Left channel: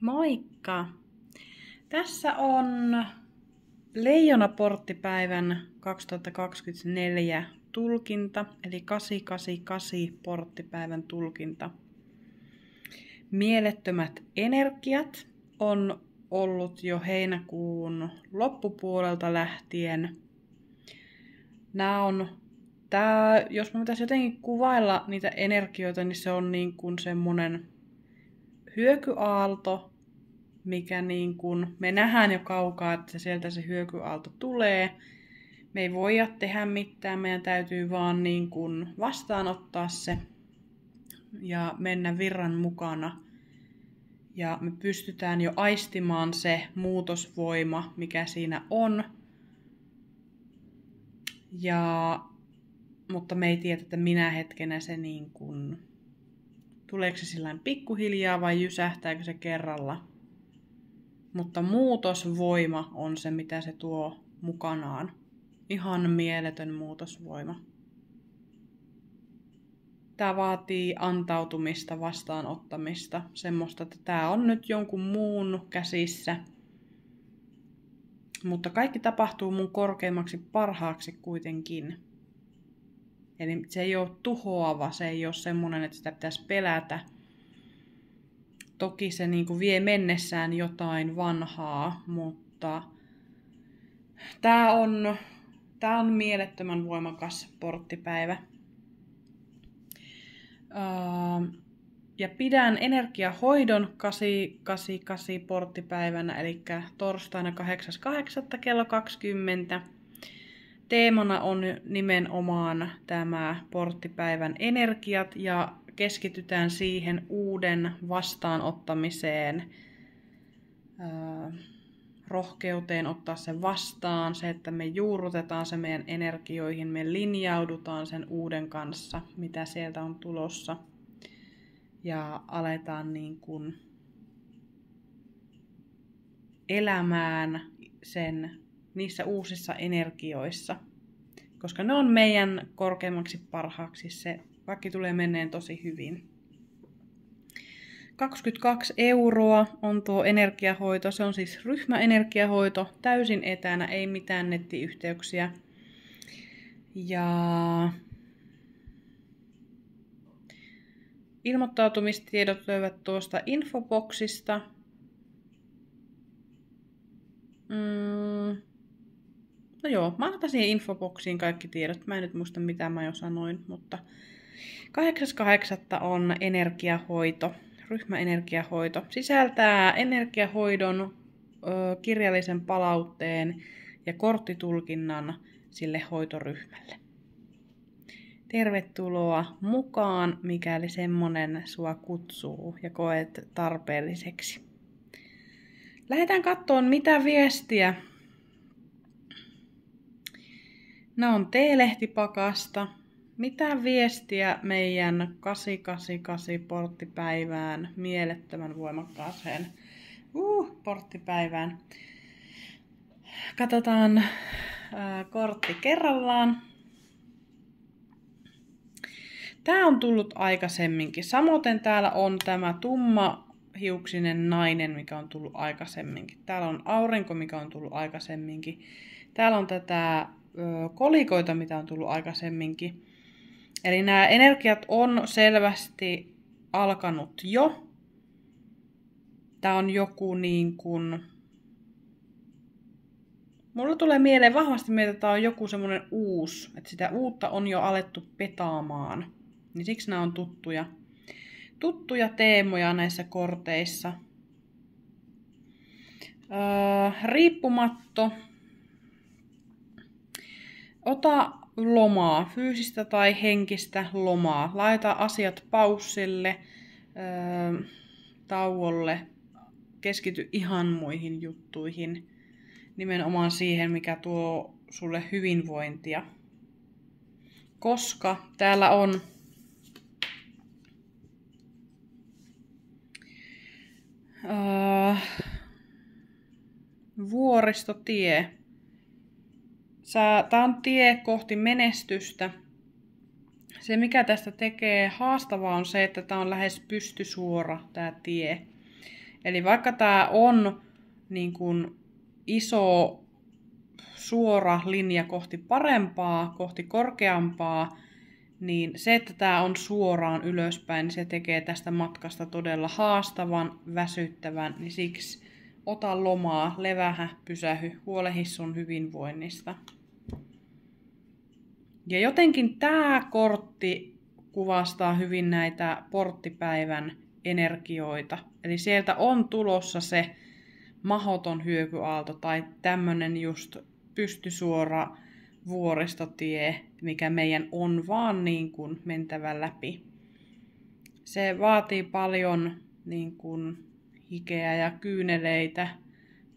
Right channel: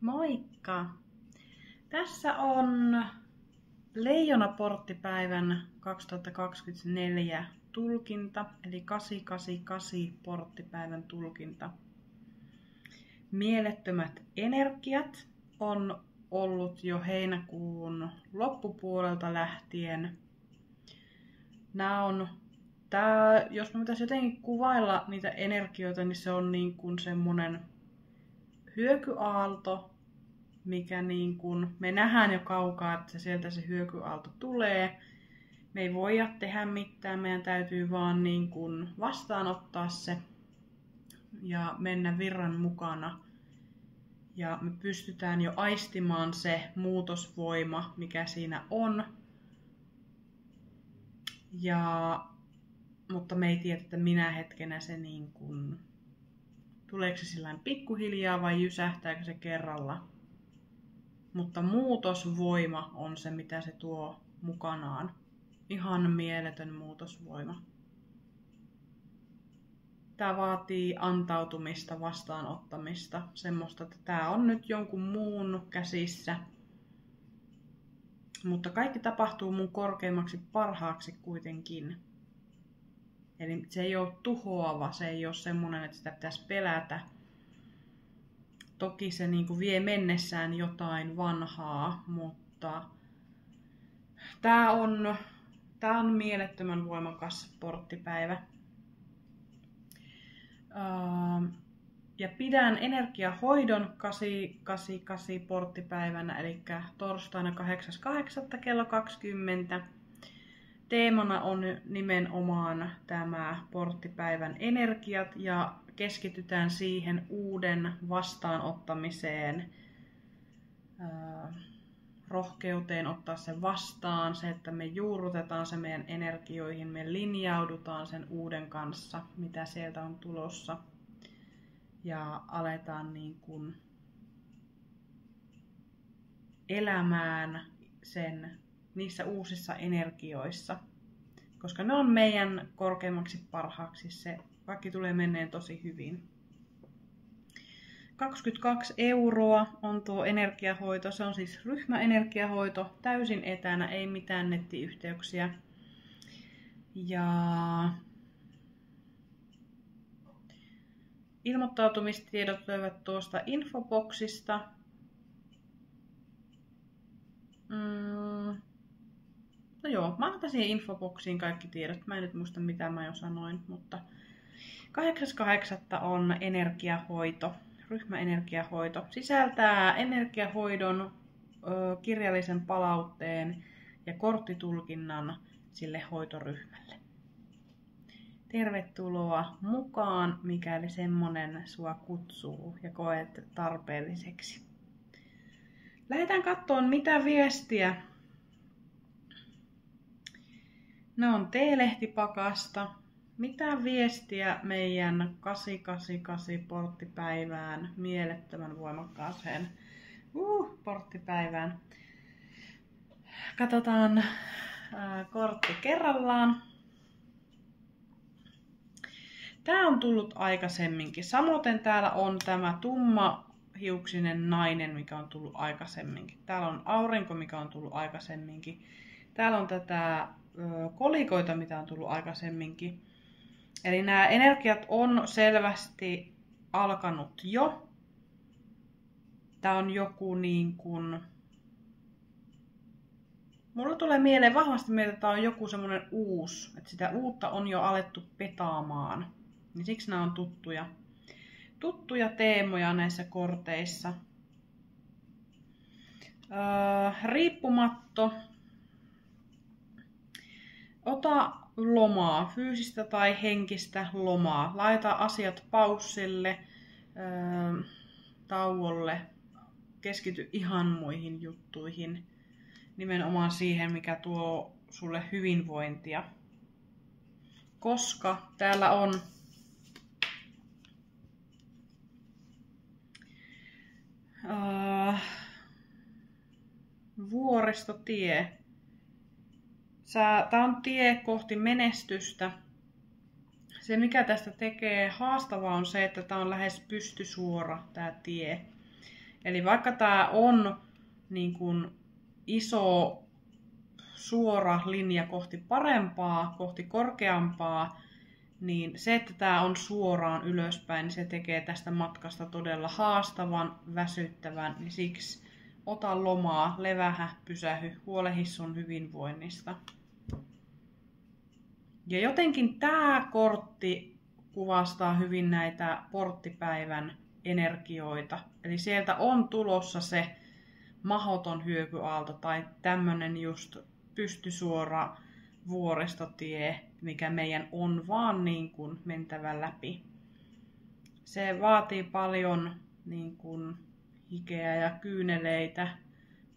Moikka! Tässä on Leijona-porttipäivän 2024 tulkinta, eli 888 porttipäivän tulkinta. Mielettömät energiat on ollut jo heinäkuun loppupuolelta lähtien. Jos mä pitäisi jotenkin kuvailla niitä energioita, niin se on niin kuin semmonen hyökyaalto, mikä niin kuin me nähdään jo kaukaa, että sieltä se hyökyaalto tulee. Me ei voida tehdä mitään, meidän täytyy vaan niin kuin vastaanottaa se ja mennä virran mukana. Ja me pystytään jo aistimaan se muutosvoima, mikä siinä on. Mutta me ei tiedä, että minä hetkenä se niin kuin, tuleeko se sillain pikkuhiljaa vai jysähtääkö se kerralla. Mutta muutosvoima on se, mitä se tuo mukanaan. Ihan mieletön muutosvoima. Tämä vaatii antautumista, vastaanottamista. Semmoista, että tämä on nyt jonkun muun käsissä. Mutta kaikki tapahtuu mun korkeimmaksi parhaaksi kuitenkin. Eli se ei ole tuhoava, se ei ole semmoinen, että sitä pitäisi pelätä. Toki se niin kuin vie mennessään jotain vanhaa, mutta tämä on mielettömän voimakas porttipäivä. Ja pidän energiahoidon 888 porttipäivänä, eli torstaina 8.8. kello 20. Teemana on nimenomaan tämä porttipäivän energiat ja keskitytään siihen uuden vastaanottamiseen, rohkeuteen ottaa se vastaan, se, että me juurrutetaan se meidän energioihin, me linjaudutaan sen uuden kanssa, mitä sieltä on tulossa ja aletaan niin kuin elämään niissä uusissa energioissa, koska ne on meidän korkeimmaksi parhaaksi. Se kaikki tulee menneen tosi hyvin. 22 € on tuo energiahoito. Se on siis ryhmäenergiahoito, täysin etänä, ei mitään nettiyhteyksiä. Ja ilmoittautumistiedot löyvät tuosta infoboksista. No joo, mä otan siihen infoboksiin kaikki tiedot. Mä en nyt muista mitä mä jo sanoin, mutta 8.8. on energiahoito, ryhmäenergiahoito. Sisältää energiahoidon, kirjallisen palautteen ja korttitulkinnan sille hoitoryhmälle. Tervetuloa mukaan, mikäli semmonen sua kutsuu ja koet tarpeelliseksi. Lähdetään katsomaan mitä viestiä. Nämä on T-lehtipakasta. Mitä viestiä meidän 888 porttipäivään, mielettömän voimakkaaseen porttipäivään. Katsotaan kortti kerrallaan. Tää on tullut aikaisemminkin. Samoin täällä on tämä tummahiuksinen nainen, mikä on tullut aikaisemminkin. Täällä on aurinko, mikä on tullut aikaisemminkin. Täällä on tätä kolikoita, mitä on tullut aikaisemminkin. Eli nämä energiat on selvästi alkanut jo. Tää on joku niin kuin... Mulla tulee vahvasti mieleen, että tää on joku semmonen uusi. Että sitä uutta on jo alettu petaamaan. Niin siksi nämä on tuttuja teemoja näissä korteissa. Riippumatto. Ota lomaa, fyysistä tai henkistä lomaa. Laita asiat paussille, tauolle. Keskity ihan muihin juttuihin. Nimenomaan siihen, mikä tuo sulle hyvinvointia. Koska täällä on vuoristotie. Tää on tie kohti menestystä. Se mikä tästä tekee haastavaa on se, että tää on lähes pystysuora tää tie. Eli vaikka tämä on niin kuin iso suora linja kohti parempaa, kohti korkeampaa, niin se, että tämä on suoraan ylöspäin, niin se tekee tästä matkasta todella haastavan, väsyttävän, niin siksi ota lomaa, levähä, pysähy, huolehi sun hyvinvoinnista. Ja jotenkin tämä kortti kuvastaa hyvin näitä porttipäivän energioita. Eli sieltä on tulossa se mahoton hyökyaalto tai tämmönen just pystysuora vuoristotie, mikä meidän on vaan niin kuin mentävä läpi. Se vaatii paljon niin kuin hikeä ja kyyneleitä,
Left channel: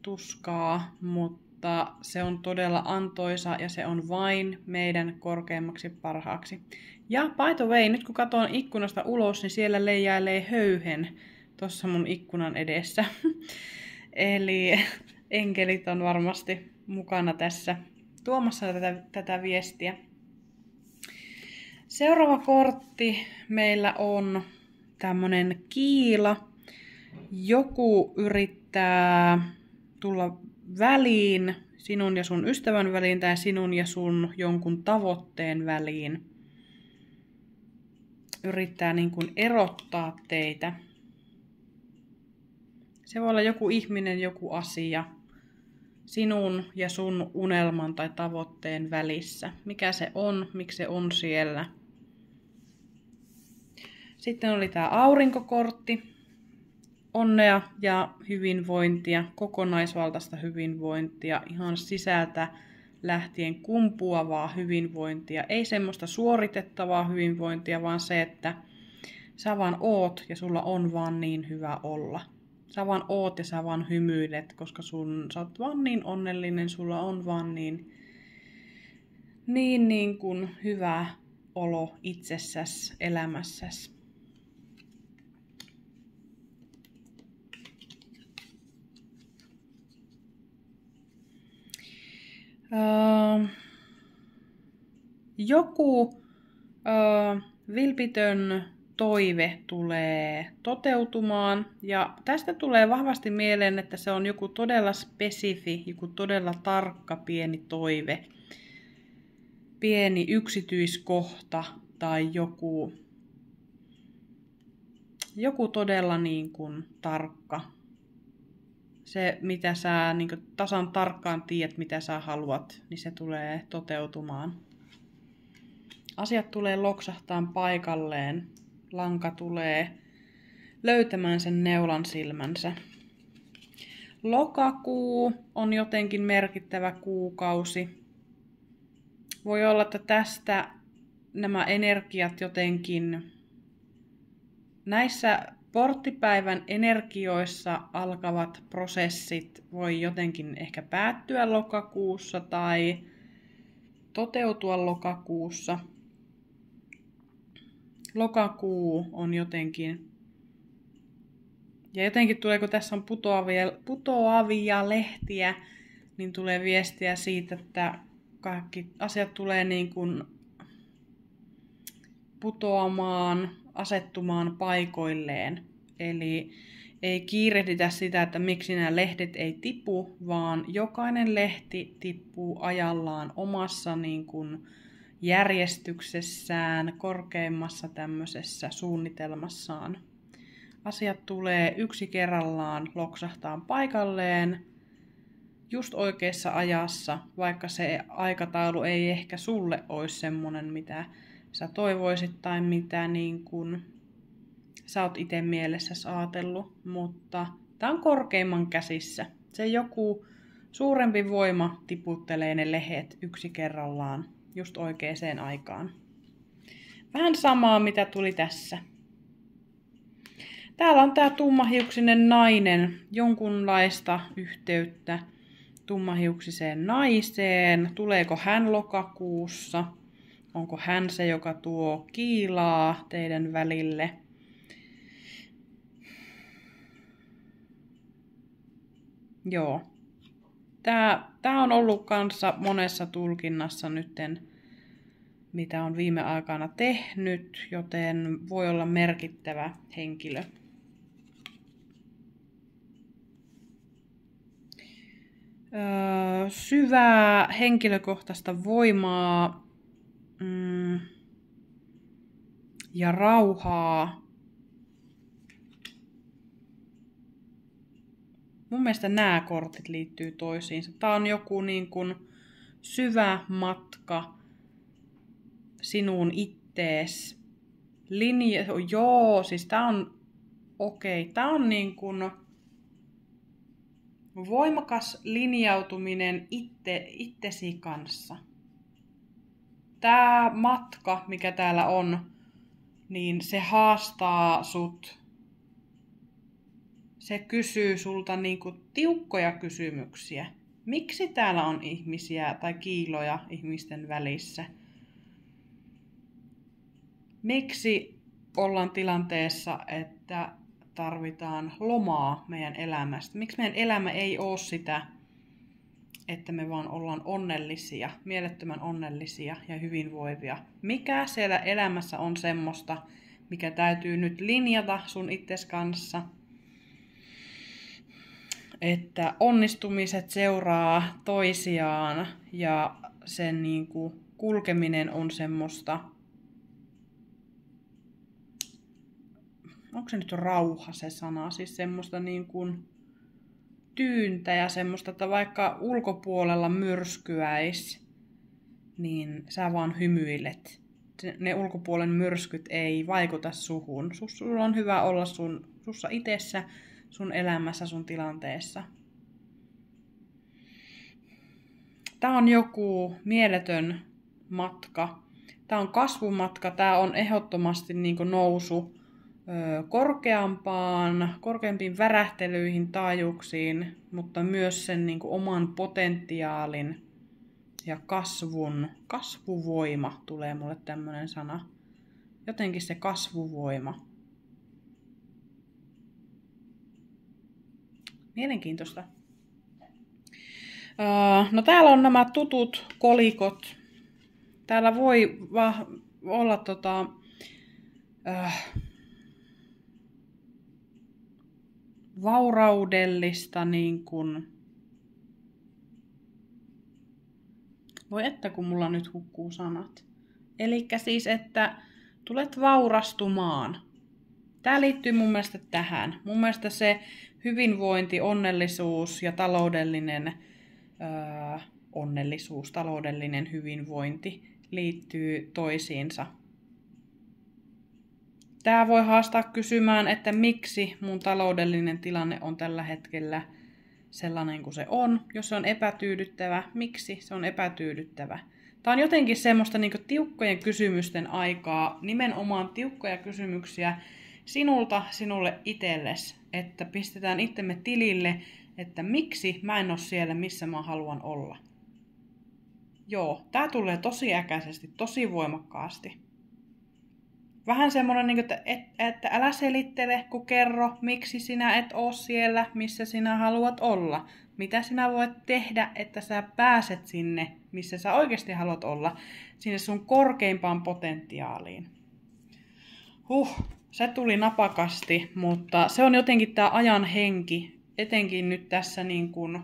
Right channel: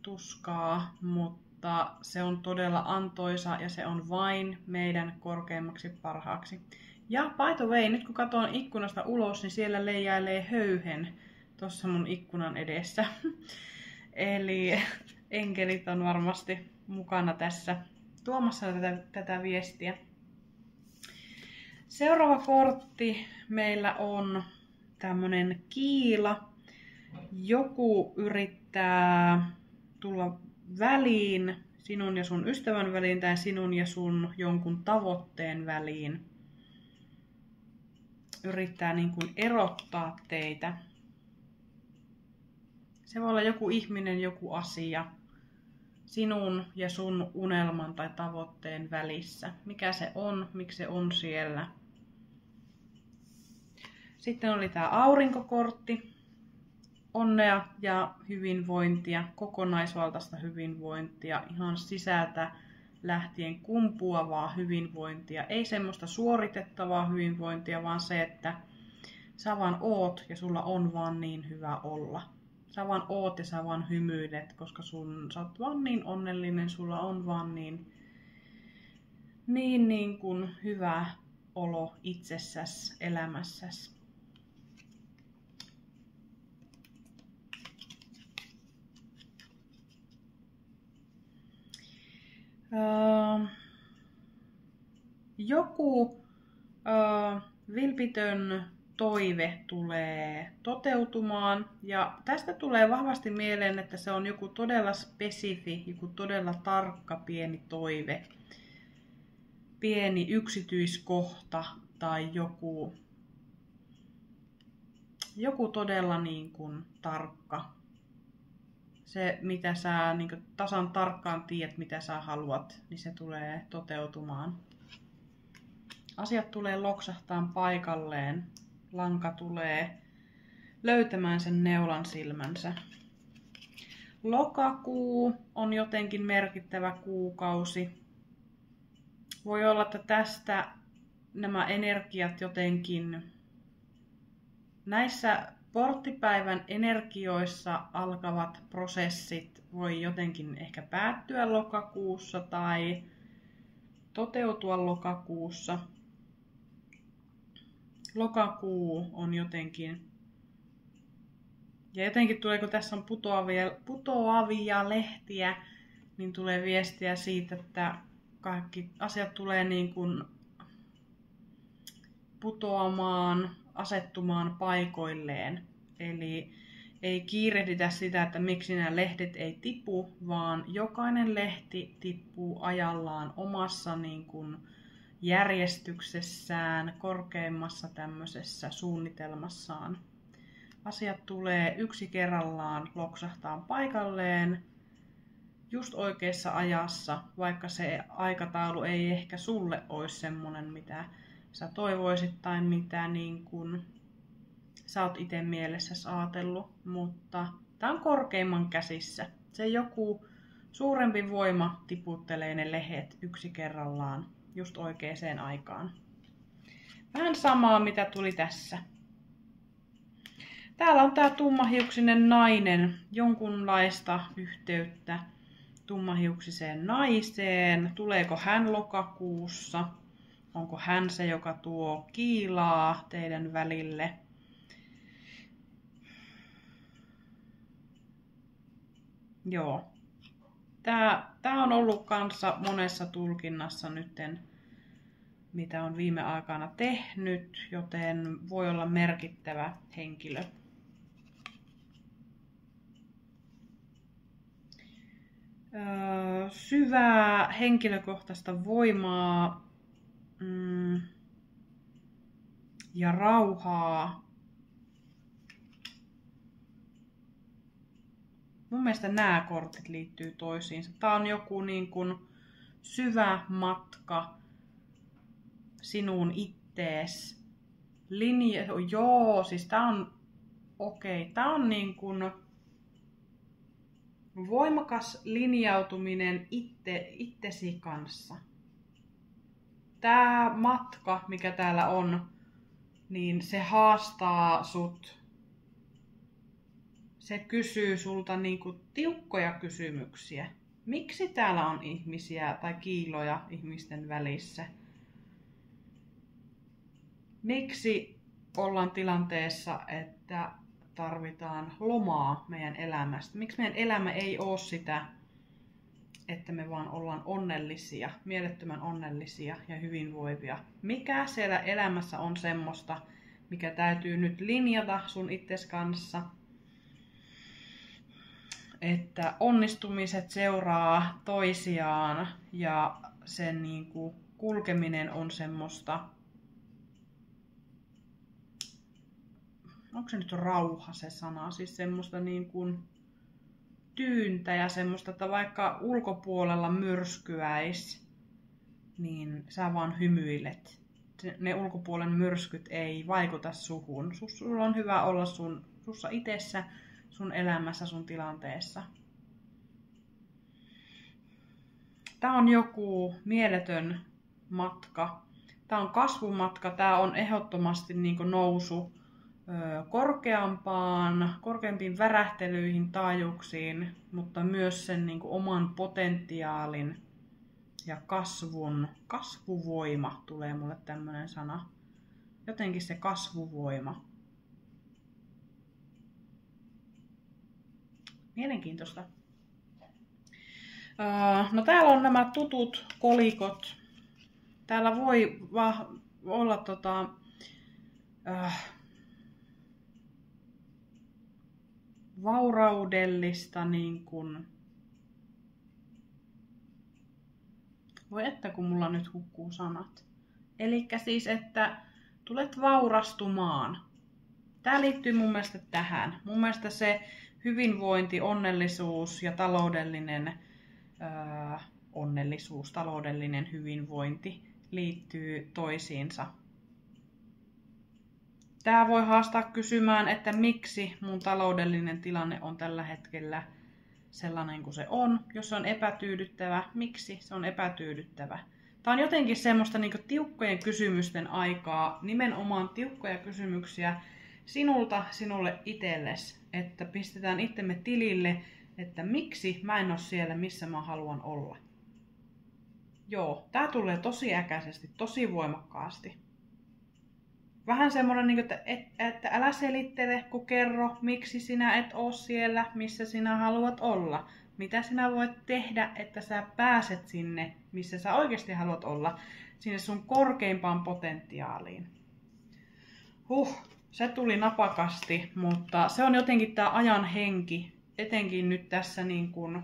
tuskaa, mutta se on todella antoisa ja se on vain meidän korkeammaksi parhaaksi. Ja by the way, nyt kun katson ikkunasta ulos, niin siellä leijailee höyhen tuossa mun ikkunan edessä. Eli enkelit on varmasti mukana tässä tuomassa tätä viestiä. Seuraava kortti meillä on tämmönen kiila. Joku yrittää tulla väliin, sinun ja sun ystävän väliin tai sinun ja sun jonkun tavoitteen väliin. Yrittää niin kuin erottaa teitä. Se voi olla joku ihminen, joku asia sinun ja sun unelman tai tavoitteen välissä. Mikä se on, miksi se on siellä. Sitten oli tämä aurinkokortti. Onnea ja hyvinvointia, kokonaisvaltaista hyvinvointia, ihan sisältä lähtien kumpuavaa hyvinvointia. Ei semmoista suoritettavaa hyvinvointia, vaan se, että sä vaan oot ja sulla on vaan niin hyvä olla. Sä vaan oot ja sä vaan hymyilet, koska sä oot vaan niin onnellinen, sulla on vaan niin kuin hyvä olo itsessäsi, elämässäsi. Joku vilpitön toive tulee toteutumaan ja tästä tulee vahvasti mieleen, että se on joku todella spesifi, joku todella tarkka pieni toive, pieni yksityiskohta tai joku todella niin kuin tarkka. Se, mitä sä niin kuin tasan tarkkaan tiedät, mitä sä haluat, niin se tulee toteutumaan. Asiat tulee loksahtaan paikalleen. Lanka tulee löytämään sen neulan silmänsä. Lokakuu on jotenkin merkittävä kuukausi. Voi olla, että tästä nämä energiat jotenkin näissä porttipäivän energioissa alkavat prosessit voi jotenkin ehkä päättyä lokakuussa tai toteutua lokakuussa. Lokakuu on jotenkin, ja jotenkin tuleeko tässä on putoavia lehtiä, niin tulee viestiä siitä, että kaikki asiat tulee niin kuin putoamaan, asettumaan paikoilleen. Eli ei kiirehditä sitä, että miksi nämä lehdet ei tipu, vaan jokainen lehti tippuu ajallaan omassa niin kuin järjestyksessään, korkeimmassa tämmöisessä suunnitelmassaan. Asiat tulee yksi kerrallaan loksahtaan paikalleen just oikeassa ajassa, vaikka se aikataulu ei ehkä sulle olisi semmoinen, mitä sä toivoisit tai mitä niin kuin sä oot itse mielessäsi ajatellut, mutta tää on korkeimman käsissä. Se joku suurempi voima tiputtelee ne lehdet yksi kerrallaan just oikeaan aikaan. Vähän samaa, mitä tuli tässä. Täällä on tää tummahiuksinen nainen, jonkunlaista yhteyttä tummahiuksiseen naiseen. Tuleeko hän lokakuussa? Onko hän se, joka tuo kiilaa teidän välille? Joo. Tää on ollut kanssa monessa tulkinnassa nytten, mitä on viime aikana tehnyt, joten voi olla merkittävä henkilö. syvää henkilökohtaista voimaa ja rauhaa. Mun mielestä nämä kortit liittyy toisiinsa. Tää on joku niin kuin syvä matka sinuun ittees. Joo, siis tää on okei. Tää on niin kuin voimakas linjautuminen itsesi kanssa. Tää matka, mikä täällä on, niin se haastaa sut. Se kysyy sulta niinku tiukkoja kysymyksiä. Miksi täällä on ihmisiä tai kiiloja ihmisten välissä? Miksi ollaan tilanteessa, että tarvitaan lomaa meidän elämästä? Miksi meidän elämä ei ole sitä, että me vaan ollaan onnellisia, mielettömän onnellisia ja hyvinvoivia? Mikä siellä elämässä on semmoista, mikä täytyy nyt linjata sun itses kanssa? Että onnistumiset seuraa toisiaan ja sen niinku kulkeminen on semmoista, onko se nyt rauha se sana, siis semmoista niin kuin tyyntä ja semmoista, että vaikka ulkopuolella myrskyäisi, niin sä vaan hymyilet. Ne ulkopuolen myrskyt ei vaikuta suhun. Sulla on hyvä olla sussa itsessä, sun elämässä, sun tilanteessa. Tää on joku mieletön matka. Tää on kasvumatka. Tää on ehdottomasti niinku nousu korkeampiin värähtelyihin, taajuuksiin, mutta myös sen niinku oman potentiaalin ja kasvuvoima tulee mulle tämmönen sana. Jotenkin se kasvuvoima. Mielenkiintoista. No täällä on nämä tutut kolikot. Täällä voi olla vauraudellista niin kuin... Voi että kun mulla nyt hukkuu sanat. Elikkä siis, että tulet vaurastumaan. Tää liittyy mun mielestä tähän. Mun mielestä se hyvinvointi, onnellisuus ja taloudellinen onnellisuus, taloudellinen hyvinvointi liittyy toisiinsa. Tää voi haastaa kysymään, että miksi mun taloudellinen tilanne on tällä hetkellä sellainen kuin se on. Jos se on epätyydyttävä, miksi se on epätyydyttävä? Tää on jotenkin semmoista niin kuin tiukkojen kysymysten aikaa, nimenomaan tiukkoja kysymyksiä sinulta sinulle itsellesi, että pistetään itsemme tilille, että miksi mä en ole siellä, missä mä haluan olla. Joo, tää tulee tosi äkäisesti, tosi voimakkaasti. Vähän semmoinen, että älä selittele, kun kerro, miksi sinä et ole siellä, missä sinä haluat olla. Mitä sinä voit tehdä, että sä pääset sinne, missä sä oikeasti haluat olla, sinne sun korkeimpaan potentiaaliin. Se tuli napakasti, mutta se on jotenkin tää ajan henki, etenkin nyt tässä niin kuin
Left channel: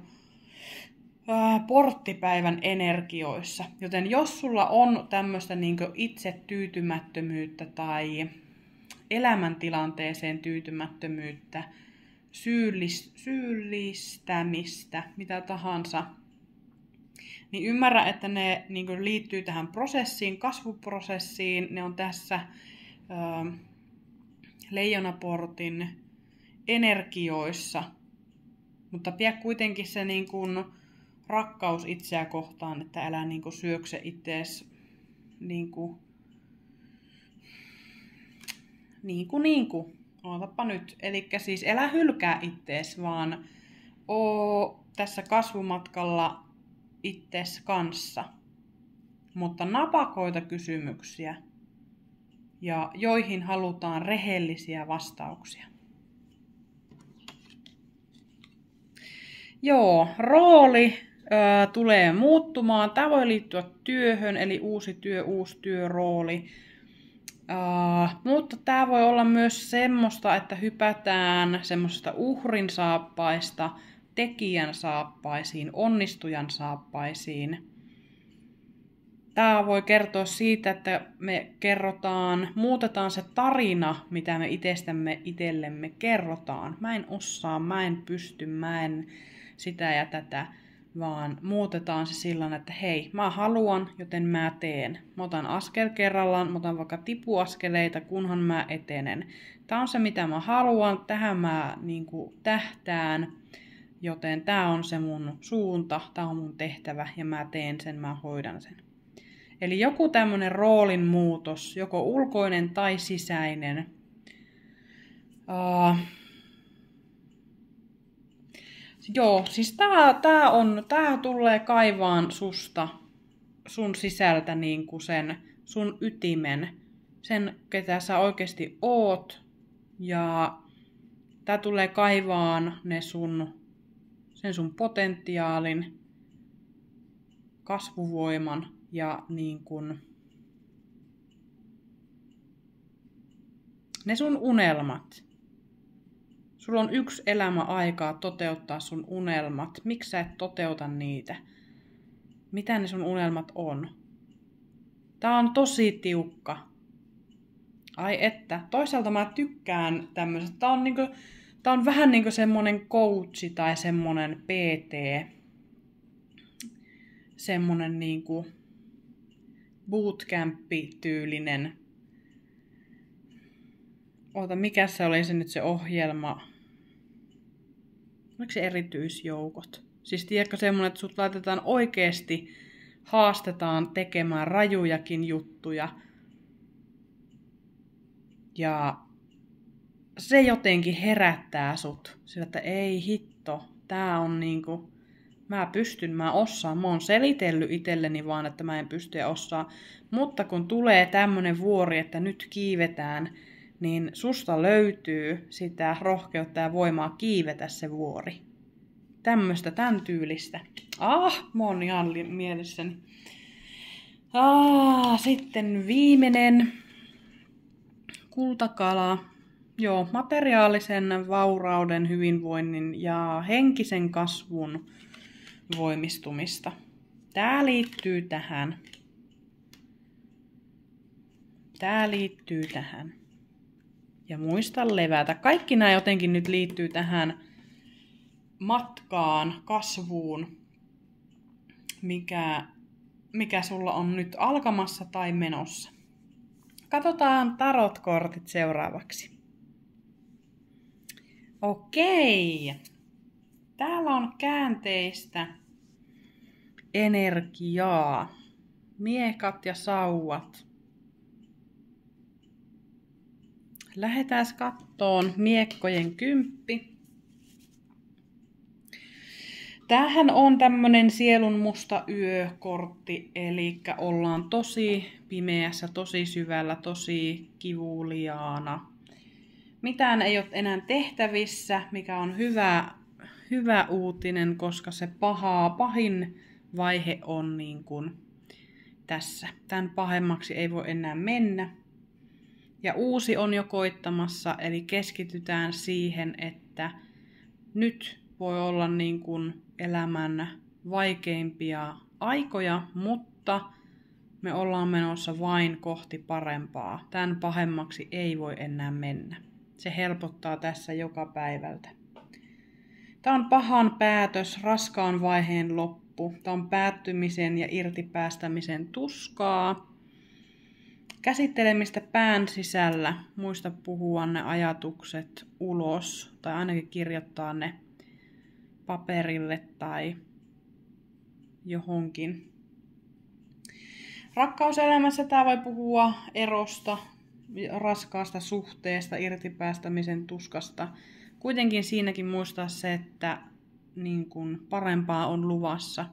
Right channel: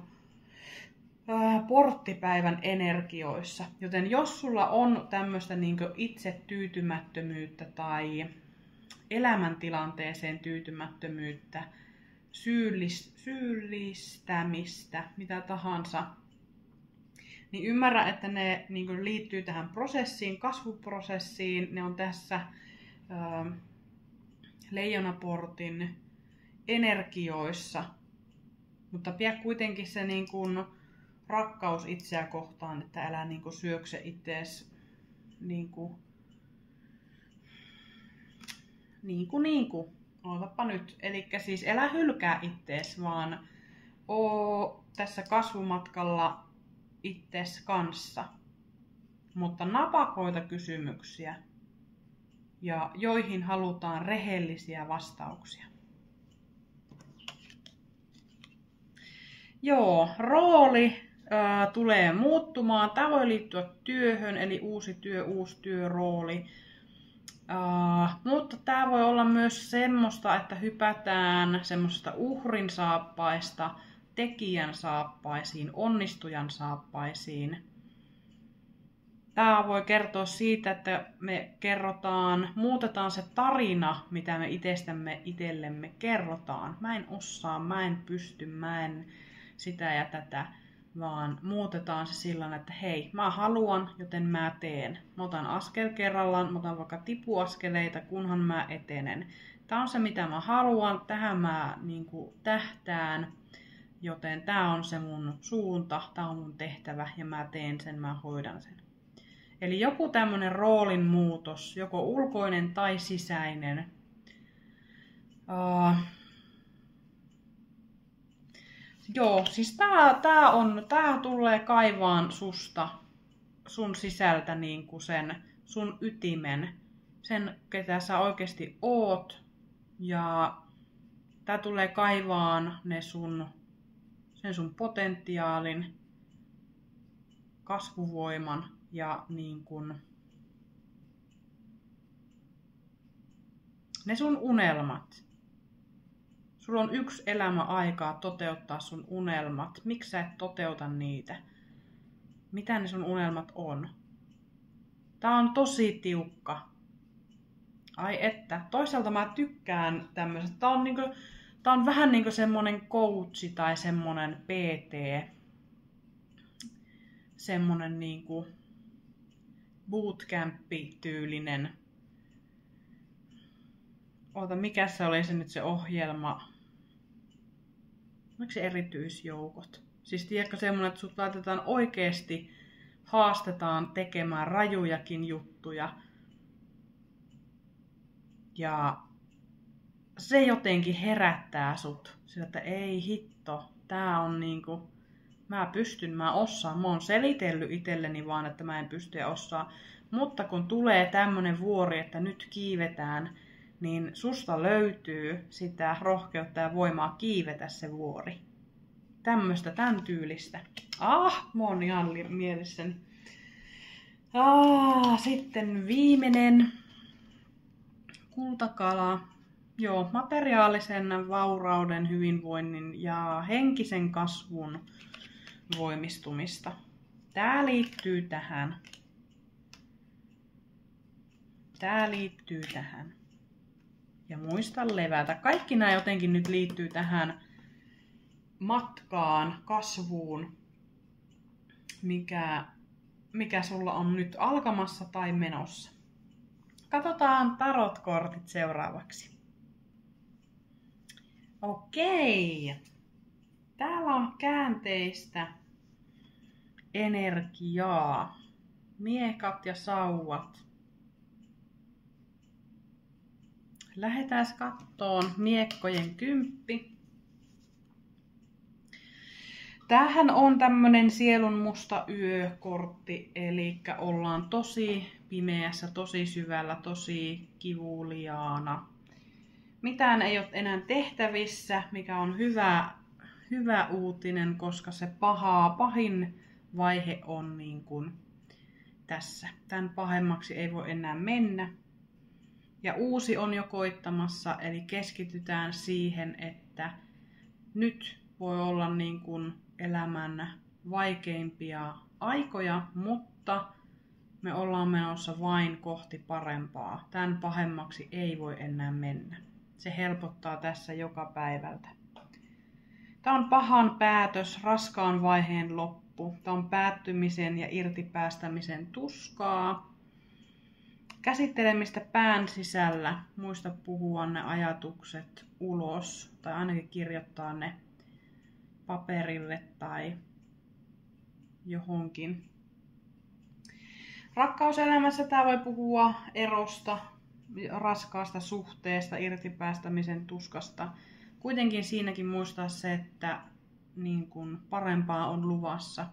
porttipäivän energioissa. Joten jos sulla on tämmöistä niin kuin itsetyytymättömyyttä tai elämäntilanteeseen tyytymättömyyttä, syyllistämistä, mitä tahansa, niin ymmärrä, että ne niin kuin liittyy tähän prosessiin, kasvuprosessiin. Ne on tässä leijonaportin energioissa, mutta pidä kuitenkin se niin kuin rakkaus itseä kohtaan, että älä niin kuin syökse ittees niin kuin. Ootapa nyt. Elikkä siis älä hylkää ittees, vaan oo tässä kasvumatkalla ittees kanssa. Mutta napakoita kysymyksiä, ja joihin halutaan rehellisiä vastauksia. Rooli tulee muuttumaan. Tämä voi liittyä työhön, eli uusi työrooli. Mutta tämä voi olla myös semmoista, että hypätään semmoista uhrin saappaista tekijän saappaisiin, onnistujan saappaisiin. Tämä voi kertoa siitä, että me muutetaan se tarina, mitä me itsestämme itsellemme kerrotaan. Mä en osaa, mä en pysty, mä en sitä ja tätä, vaan muutetaan se sillä, että hei, mä haluan, joten mä teen. Mä otan askel kerrallaan, mä otan vaikka tipuaskeleita, kunhan mä etenen. Tää on se, mitä mä haluan, tähän mä tähtään, joten tää on se mun suunta, tää on mun tehtävä ja mä teen sen, mä hoidan sen. Eli joku tämmönen roolin muutos, joko ulkoinen tai sisäinen. Joo, siis tää tulee kaivaan sun sisältä niinku sen sun ytimen, sen ketä sä oikeesti oot. Ja tää tulee kaivaan sen sun potentiaalin, kasvuvoiman ja ne sun unelmat. Sulla on yksi elämä aikaa toteuttaa sun unelmat. Miksi sä et toteuta niitä? Mitä ne sun unelmat on? Tää on tosi tiukka. Ai että. Toisaalta mä tykkään tämmöisestä. Tää on vähän niinku semmonen coachi tai semmonen PT. Semmonen niinku bootcamp-tyylinen. Mikä se oli se nyt se ohjelma? Oliko se erityisjoukot? Siis tiedätkö semmonen, että sut laitetaan oikeesti, haastetaan tekemään rajujakin juttuja. Ja se jotenkin herättää sut. Sillä, että ei hitto, tää on mä pystyn, mä osaan. Mä oon selitellyt itselleni vaan, että mä en pysty ja osaa. Mutta kun tulee tämmönen vuori, että nyt kiivetään, niin susta löytyy sitä rohkeutta ja voimaa kiivetä se vuori. Tän tyylistä. Mä oon ihan mielessäni. Sitten viimeinen. Kultakala. Joo, materiaalisen vaurauden, hyvinvoinnin ja henkisen kasvun voimistumista. Tää liittyy tähän. Ja muista levätä. Kaikki nämä jotenkin nyt liittyy tähän matkaan, kasvuun, mikä sulla on nyt alkamassa tai menossa. Katsotaan tarotkortit seuraavaksi. Okei. Täällä on käänteistä energiaa. Miekat ja sauvat. Lähdetään kattoon miekkojen 10. Tämähän on tämmönen sielun musta yökortti, eli ollaan tosi pimeässä, tosi syvällä, tosi kivuliaana. Mitään ei ole enää tehtävissä, mikä on hyvä uutinen, koska se pahin vaihe on tässä. Tän pahemmaksi ei voi enää mennä. Ja uusi on jo koittamassa, eli keskitytään siihen, että nyt voi olla elämän vaikeimpia aikoja, mutta me ollaan menossa vain kohti parempaa. Tän pahemmaksi ei voi enää mennä. Se helpottaa tässä joka päivältä. Tämä on pahan päätös, raskaan vaiheen loppu. Tämä on päättymisen ja irtipäästämisen tuskaa. Käsittelemistä pään sisällä. Muista puhua ne ajatukset ulos tai ainakin kirjoittaa ne paperille tai johonkin. Rakkauselämässä tämä voi puhua erosta, raskaasta suhteesta, irtipäästämisen tuskasta. Kuitenkin siinäkin muistaa se, että parempaa on luvassa.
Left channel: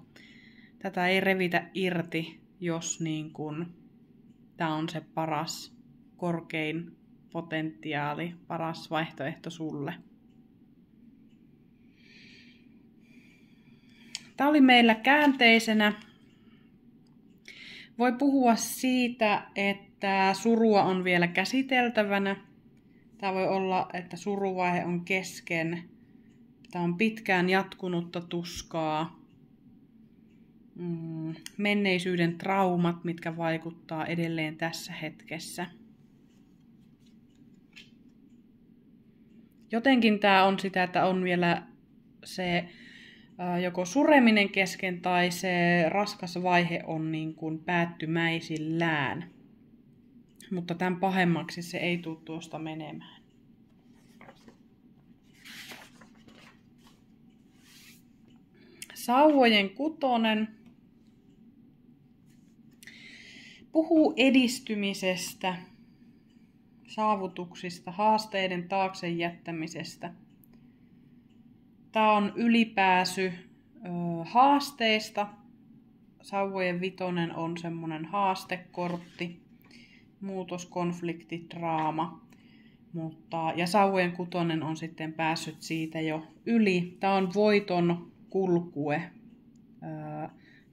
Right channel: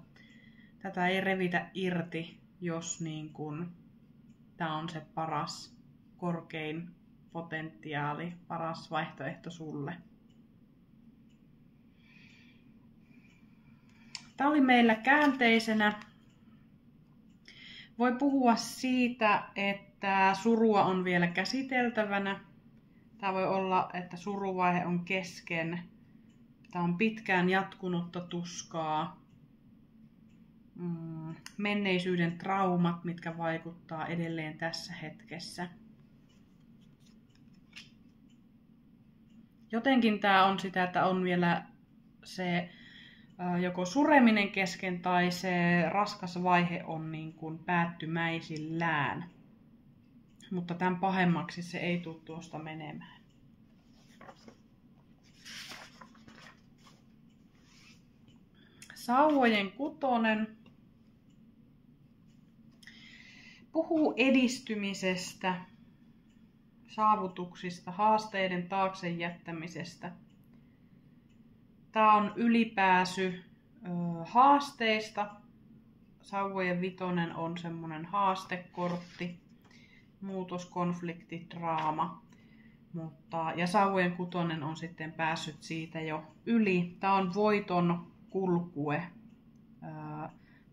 Tätä ei revitä irti, jos tämä on se paras, korkein potentiaali, paras vaihtoehto sulle. Tämä oli meillä käänteisenä. Voi puhua siitä, että surua on vielä käsiteltävänä. Tämä voi olla, että suruvaihe on kesken. Tää on pitkään jatkunutta tuskaa. Menneisyyden traumat, mitkä vaikuttaa edelleen tässä hetkessä. Jotenkin tää on sitä, että on vielä se joko sureminen kesken tai se raskas vaihe on niin kuin päättymäisillään. Mutta tämän pahemmaksi se ei tule tuosta menemään. Sauvojen kutonen puhuu edistymisestä, saavutuksista, haasteiden taakse jättämisestä. Tämä on ylipääsy haasteista. Sauvojen vitonen on semmoinen haastekortti, muutos, konflikti, draama. Ja sauvojen kutonen on sitten päässyt siitä jo yli. Tämä on voiton kulkue,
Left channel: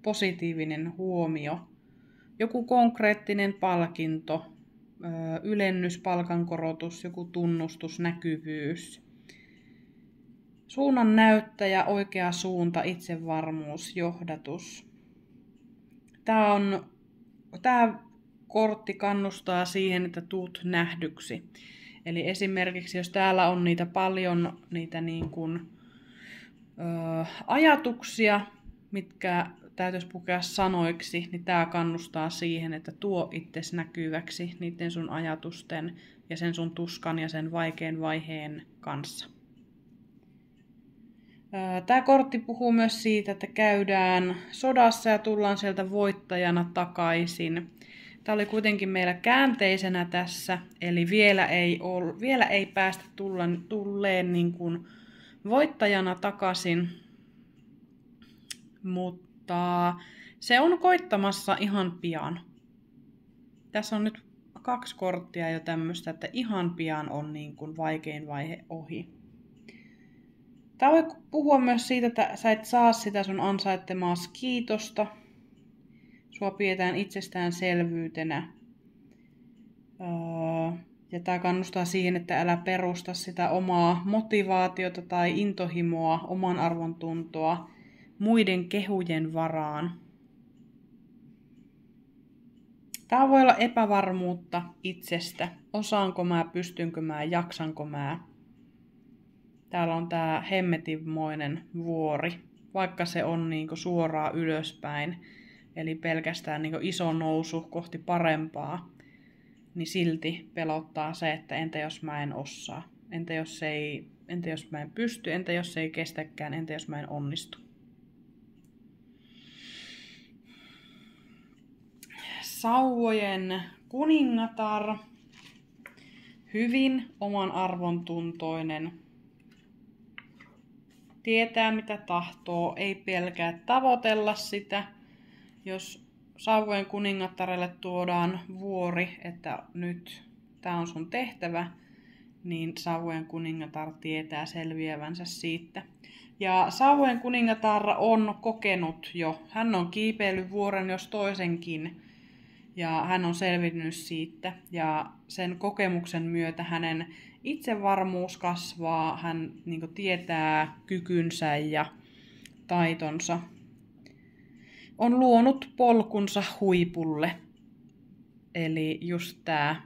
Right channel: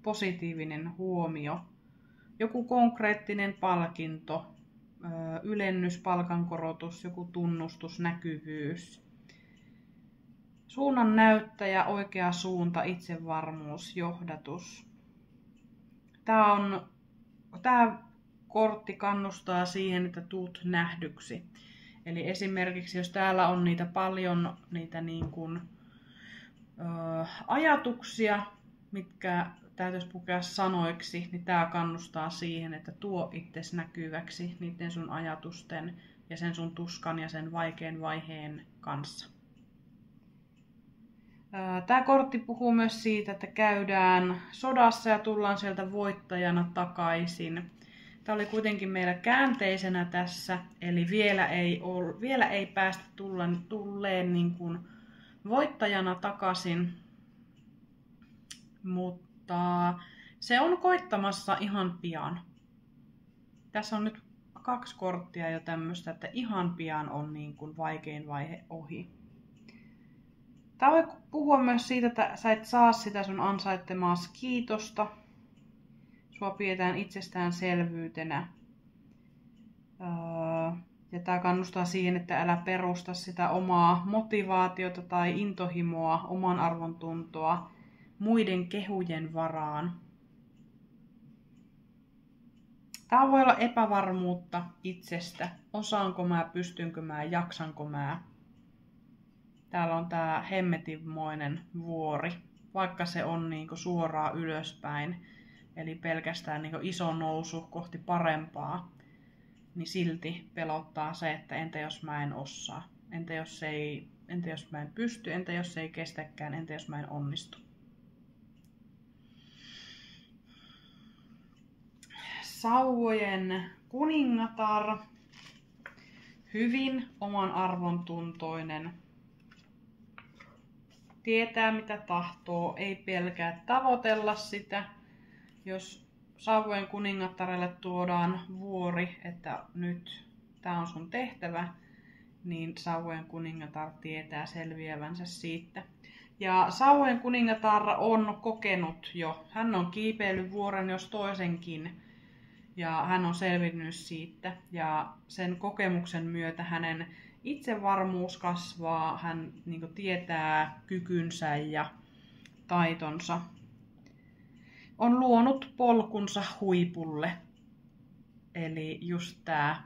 positiivinen huomio, joku konkreettinen palkinto, ylennys, palkankorotus, joku tunnustus, näkyvyys. Suunnan näyttäjä, oikea suunta, itsevarmuus, johdatus. Tämä kortti kannustaa siihen, että tuut nähdyksi. Eli esimerkiksi jos täällä on paljon niitä niin kuin, ajatuksia, mitkä täytyisi pukea sanoiksi, niin tämä kannustaa siihen, että tuo itsesi näkyväksi niiden sun ajatusten ja sen sun tuskan ja sen vaikean vaiheen kanssa. Tämä kortti puhuu myös siitä, että käydään sodassa ja tullaan sieltä voittajana takaisin. Tämä oli kuitenkin meillä käänteisenä tässä, eli vielä ei päästä tulleen niin kuin voittajana takaisin, mutta se on koittamassa ihan pian. Tässä on nyt 2 korttia jo tämmöistä, että ihan pian on niin kuin vaikein vaihe ohi. Tämä voi puhua myös siitä, että sä et saa sitä sun ansaittemaas kiitosta. Sua pidetään itsestäänselvyytenä. Ja tämä kannustaa siihen, että älä perusta sitä omaa motivaatiota tai intohimoa, oman arvontuntoa muiden kehujen varaan. Tämä voi olla epävarmuutta itsestä. Osaanko mä, pystynkö mä, jaksanko mä. Täällä on tää hemmetinmoinen vuori, vaikka se on niinku suoraan ylöspäin, eli pelkästään niinku iso nousu kohti parempaa, niin silti pelottaa se, että entä jos mä en osaa, entä jos mä en pysty, entä jos se ei kestäkään, entä jos mä en onnistu. Sauvojen kuningatar, hyvin oman arvontuntoinen, tietää mitä tahtoo, ei pelkää tavoitella sitä. Jos sauvojen kuningattarelle tuodaan vuori, että nyt tämä on sun tehtävä, niin sauvojen kuningatar tietää selviävänsä siitä. Ja sauvojen kuningatar on kokenut jo, hän on kiipeillyt vuoren jos toisenkin, ja hän on selvinnyt siitä. Ja sen kokemuksen myötä hänen itsevarmuus kasvaa, hän niin tietää kykynsä ja taitonsa. On luonut polkunsa huipulle. Eli just tää.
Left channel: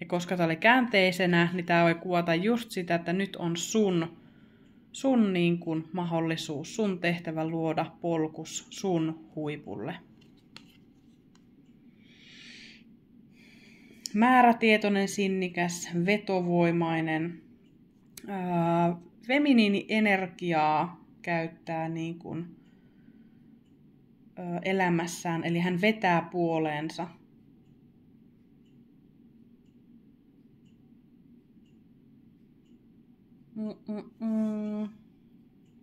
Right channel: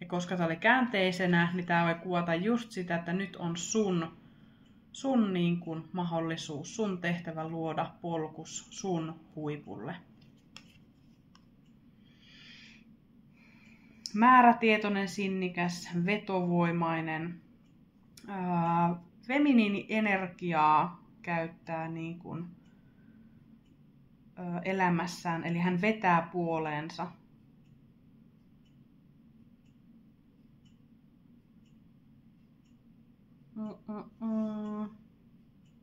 Ja koska tää oli käänteisenä, niin tää voi kuvata just sitä, että nyt on sun niin kuin mahdollisuus, sun tehtävä luoda polkus sun huipulle. Määrätietoinen, sinnikäs, vetovoimainen, feminiinienergiaa käyttää niin kuin, elämässään, eli hän vetää puoleensa.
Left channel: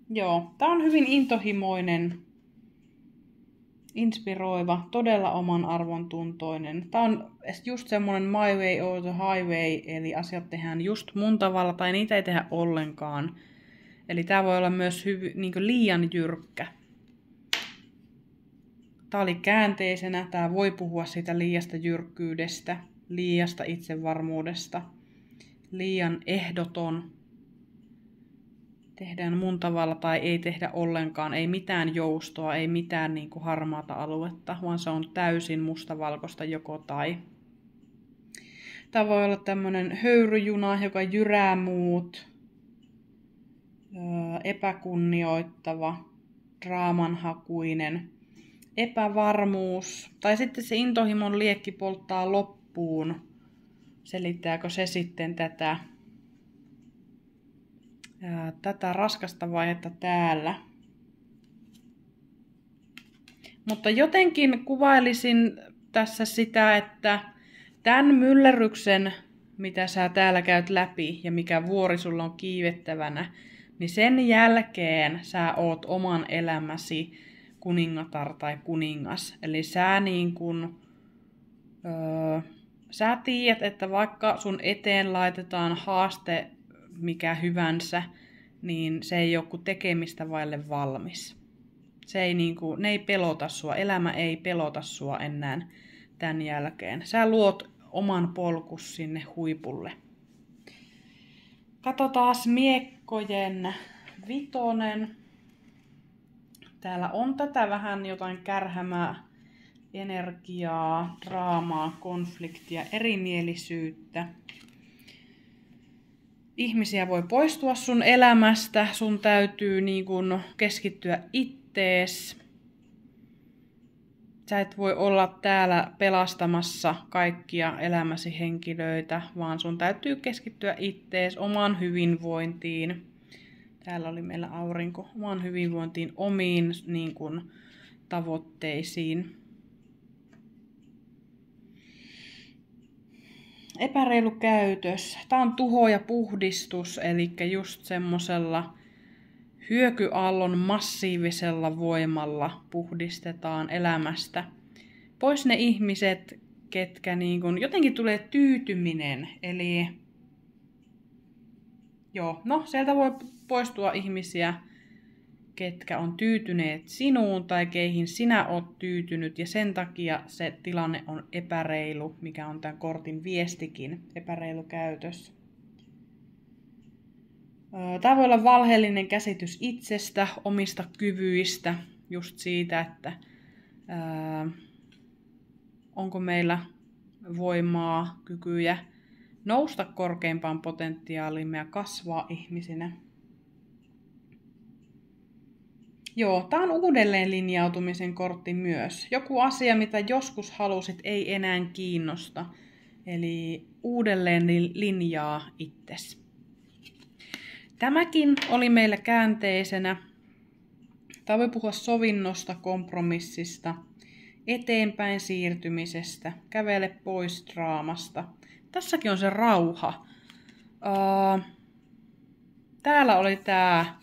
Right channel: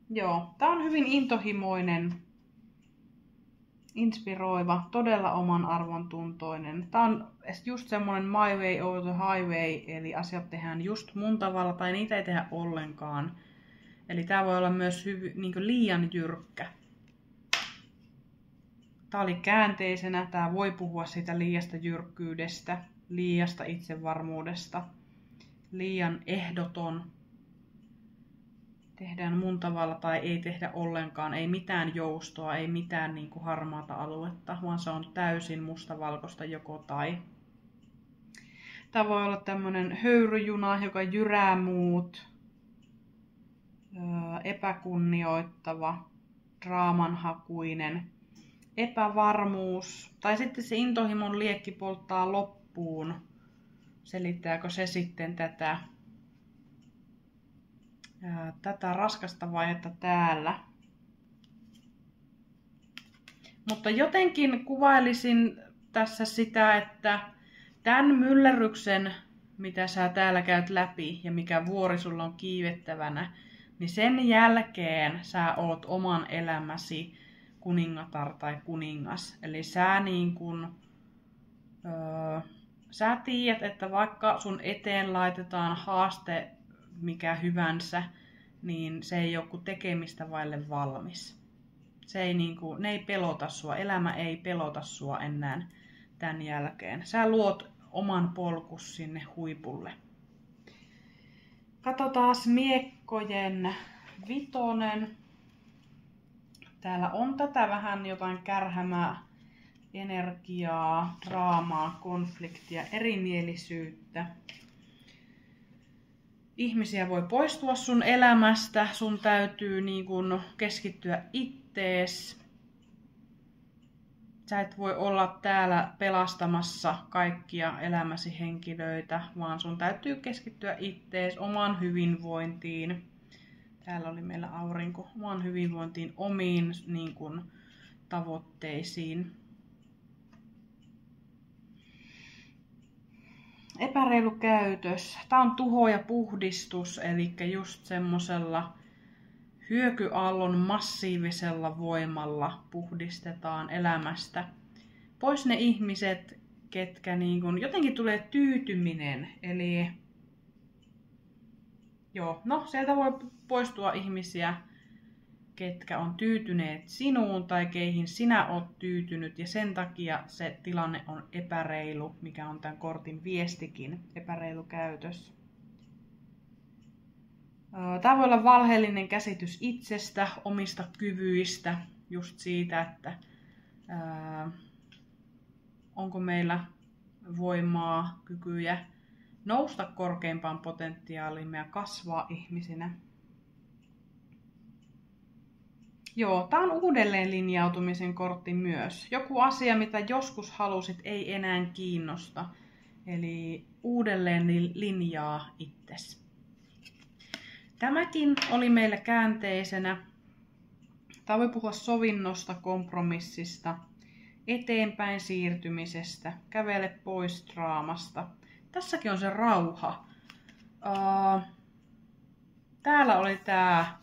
Joo, tää on hyvin intohimoinen, inspiroiva, todella oman arvon tuntoinen. Tää on just semmonen my way or the highway, eli asiat tehdään just mun tavalla tai niitä ei tehdä ollenkaan. Eli tää voi olla myös niin liian jyrkkä. Tää oli käänteisenä, tää voi puhua siitä liiasta jyrkkyydestä, liiasta itsevarmuudesta, liian ehdoton. tehdään mun tavalla tai ei tehdä ollenkaan. Ei mitään joustoa, ei mitään niin kuin harmaata aluetta, vaan se on täysin mustavalkoista joko tai. Tämä voi olla tämmönen höyryjuna, joka jyrää muut, epäkunnioittava, draamanhakuinen, epävarmuus, tai sitten se intohimon liekki polttaa loppuun. Selittääkö se sitten tätä raskasta vaihetta täällä? Mutta jotenkin kuvailisin tässä sitä, että tämän myllerryksen, mitä sä täällä käyt läpi ja mikä vuori sulla on kiivettävänä, niin sen jälkeen sä oot oman elämäsi kuningatar tai kuningas. Eli sä niin kun, sä tiedät, että vaikka sun eteen laitetaan haaste mikä hyvänsä, niin se ei ole kuin tekemistä vaille valmis. Ne ei pelota sua, elämä ei pelota sua enää tämän jälkeen. Sä luot oman polkus sinne huipulle. Katsotaan miekkojen vitonen. Täällä on tätä vähän jotain kärhämää energiaa, draamaa, konfliktia, erimielisyyttä. Ihmisiä voi poistua sun elämästä, sun täytyy niin kun keskittyä ittees. Sä et voi olla täällä pelastamassa kaikkia elämäsi henkilöitä, vaan sun täytyy keskittyä ittees, omaan hyvinvointiin. Täällä oli meillä aurinko, omaan hyvinvointiin, omiin niin kun, tavoitteisiin. Epäreilu käytös. Tää on tuho ja puhdistus, eli just semmosella hyökyaallon massiivisella voimalla puhdistetaan elämästä. Pois ne ihmiset, ketkä niin kun, jotenkin tulee tyytyminen. Eli sieltä voi poistua ihmisiä, ketkä on tyytyneet sinuun tai keihin sinä oot tyytynyt. Ja sen takia se tilanne on epäreilu, mikä on tämän kortin viestikin, epäreilu käytös. Tämä voi olla valheellinen käsitys itsestä, omista kyvyistä, just siitä, että onko meillä voimaa, kykyjä nousta korkeimpaan potentiaaliimme ja kasvaa ihmisinä. Tämä on uudelleen linjautumisen kortti myös. Joku asia, mitä joskus halusit, ei enää kiinnosta. Eli uudelleen linjaa itsesi. Tämäkin oli meillä käänteisenä. Tämä voi puhua sovinnosta, kompromissista, eteenpäin siirtymisestä, kävele pois draamasta. Tässäkin on se rauha. Täällä oli tämä,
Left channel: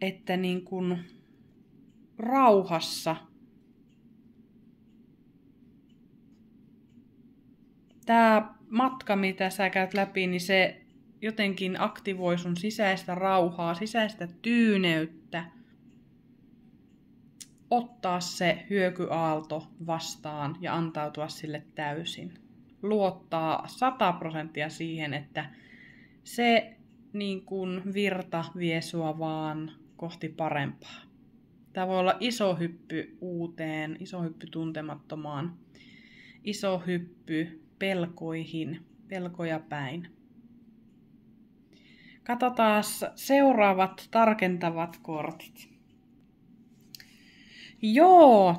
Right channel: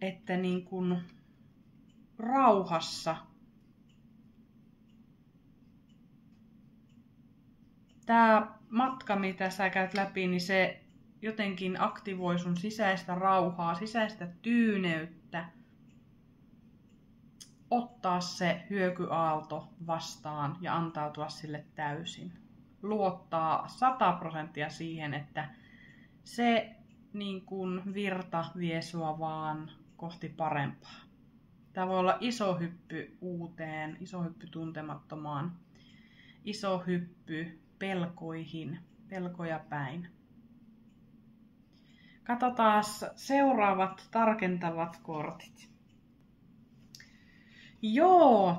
että niin kuin rauhassa tämä matka, mitä sä käyt läpi, niin se jotenkin aktivoi sun sisäistä rauhaa, sisäistä tyyneyttä. Ottaa se hyökyaalto vastaan ja antautua sille täysin. Luottaa 100% siihen, että se niin kuin virta vie sua vaan kohti parempaa. Tämä voi olla iso hyppy uuteen, iso hyppy tuntemattomaan, iso hyppy pelkoihin, pelkoja päin. Katsotaan seuraavat tarkentavat kortit.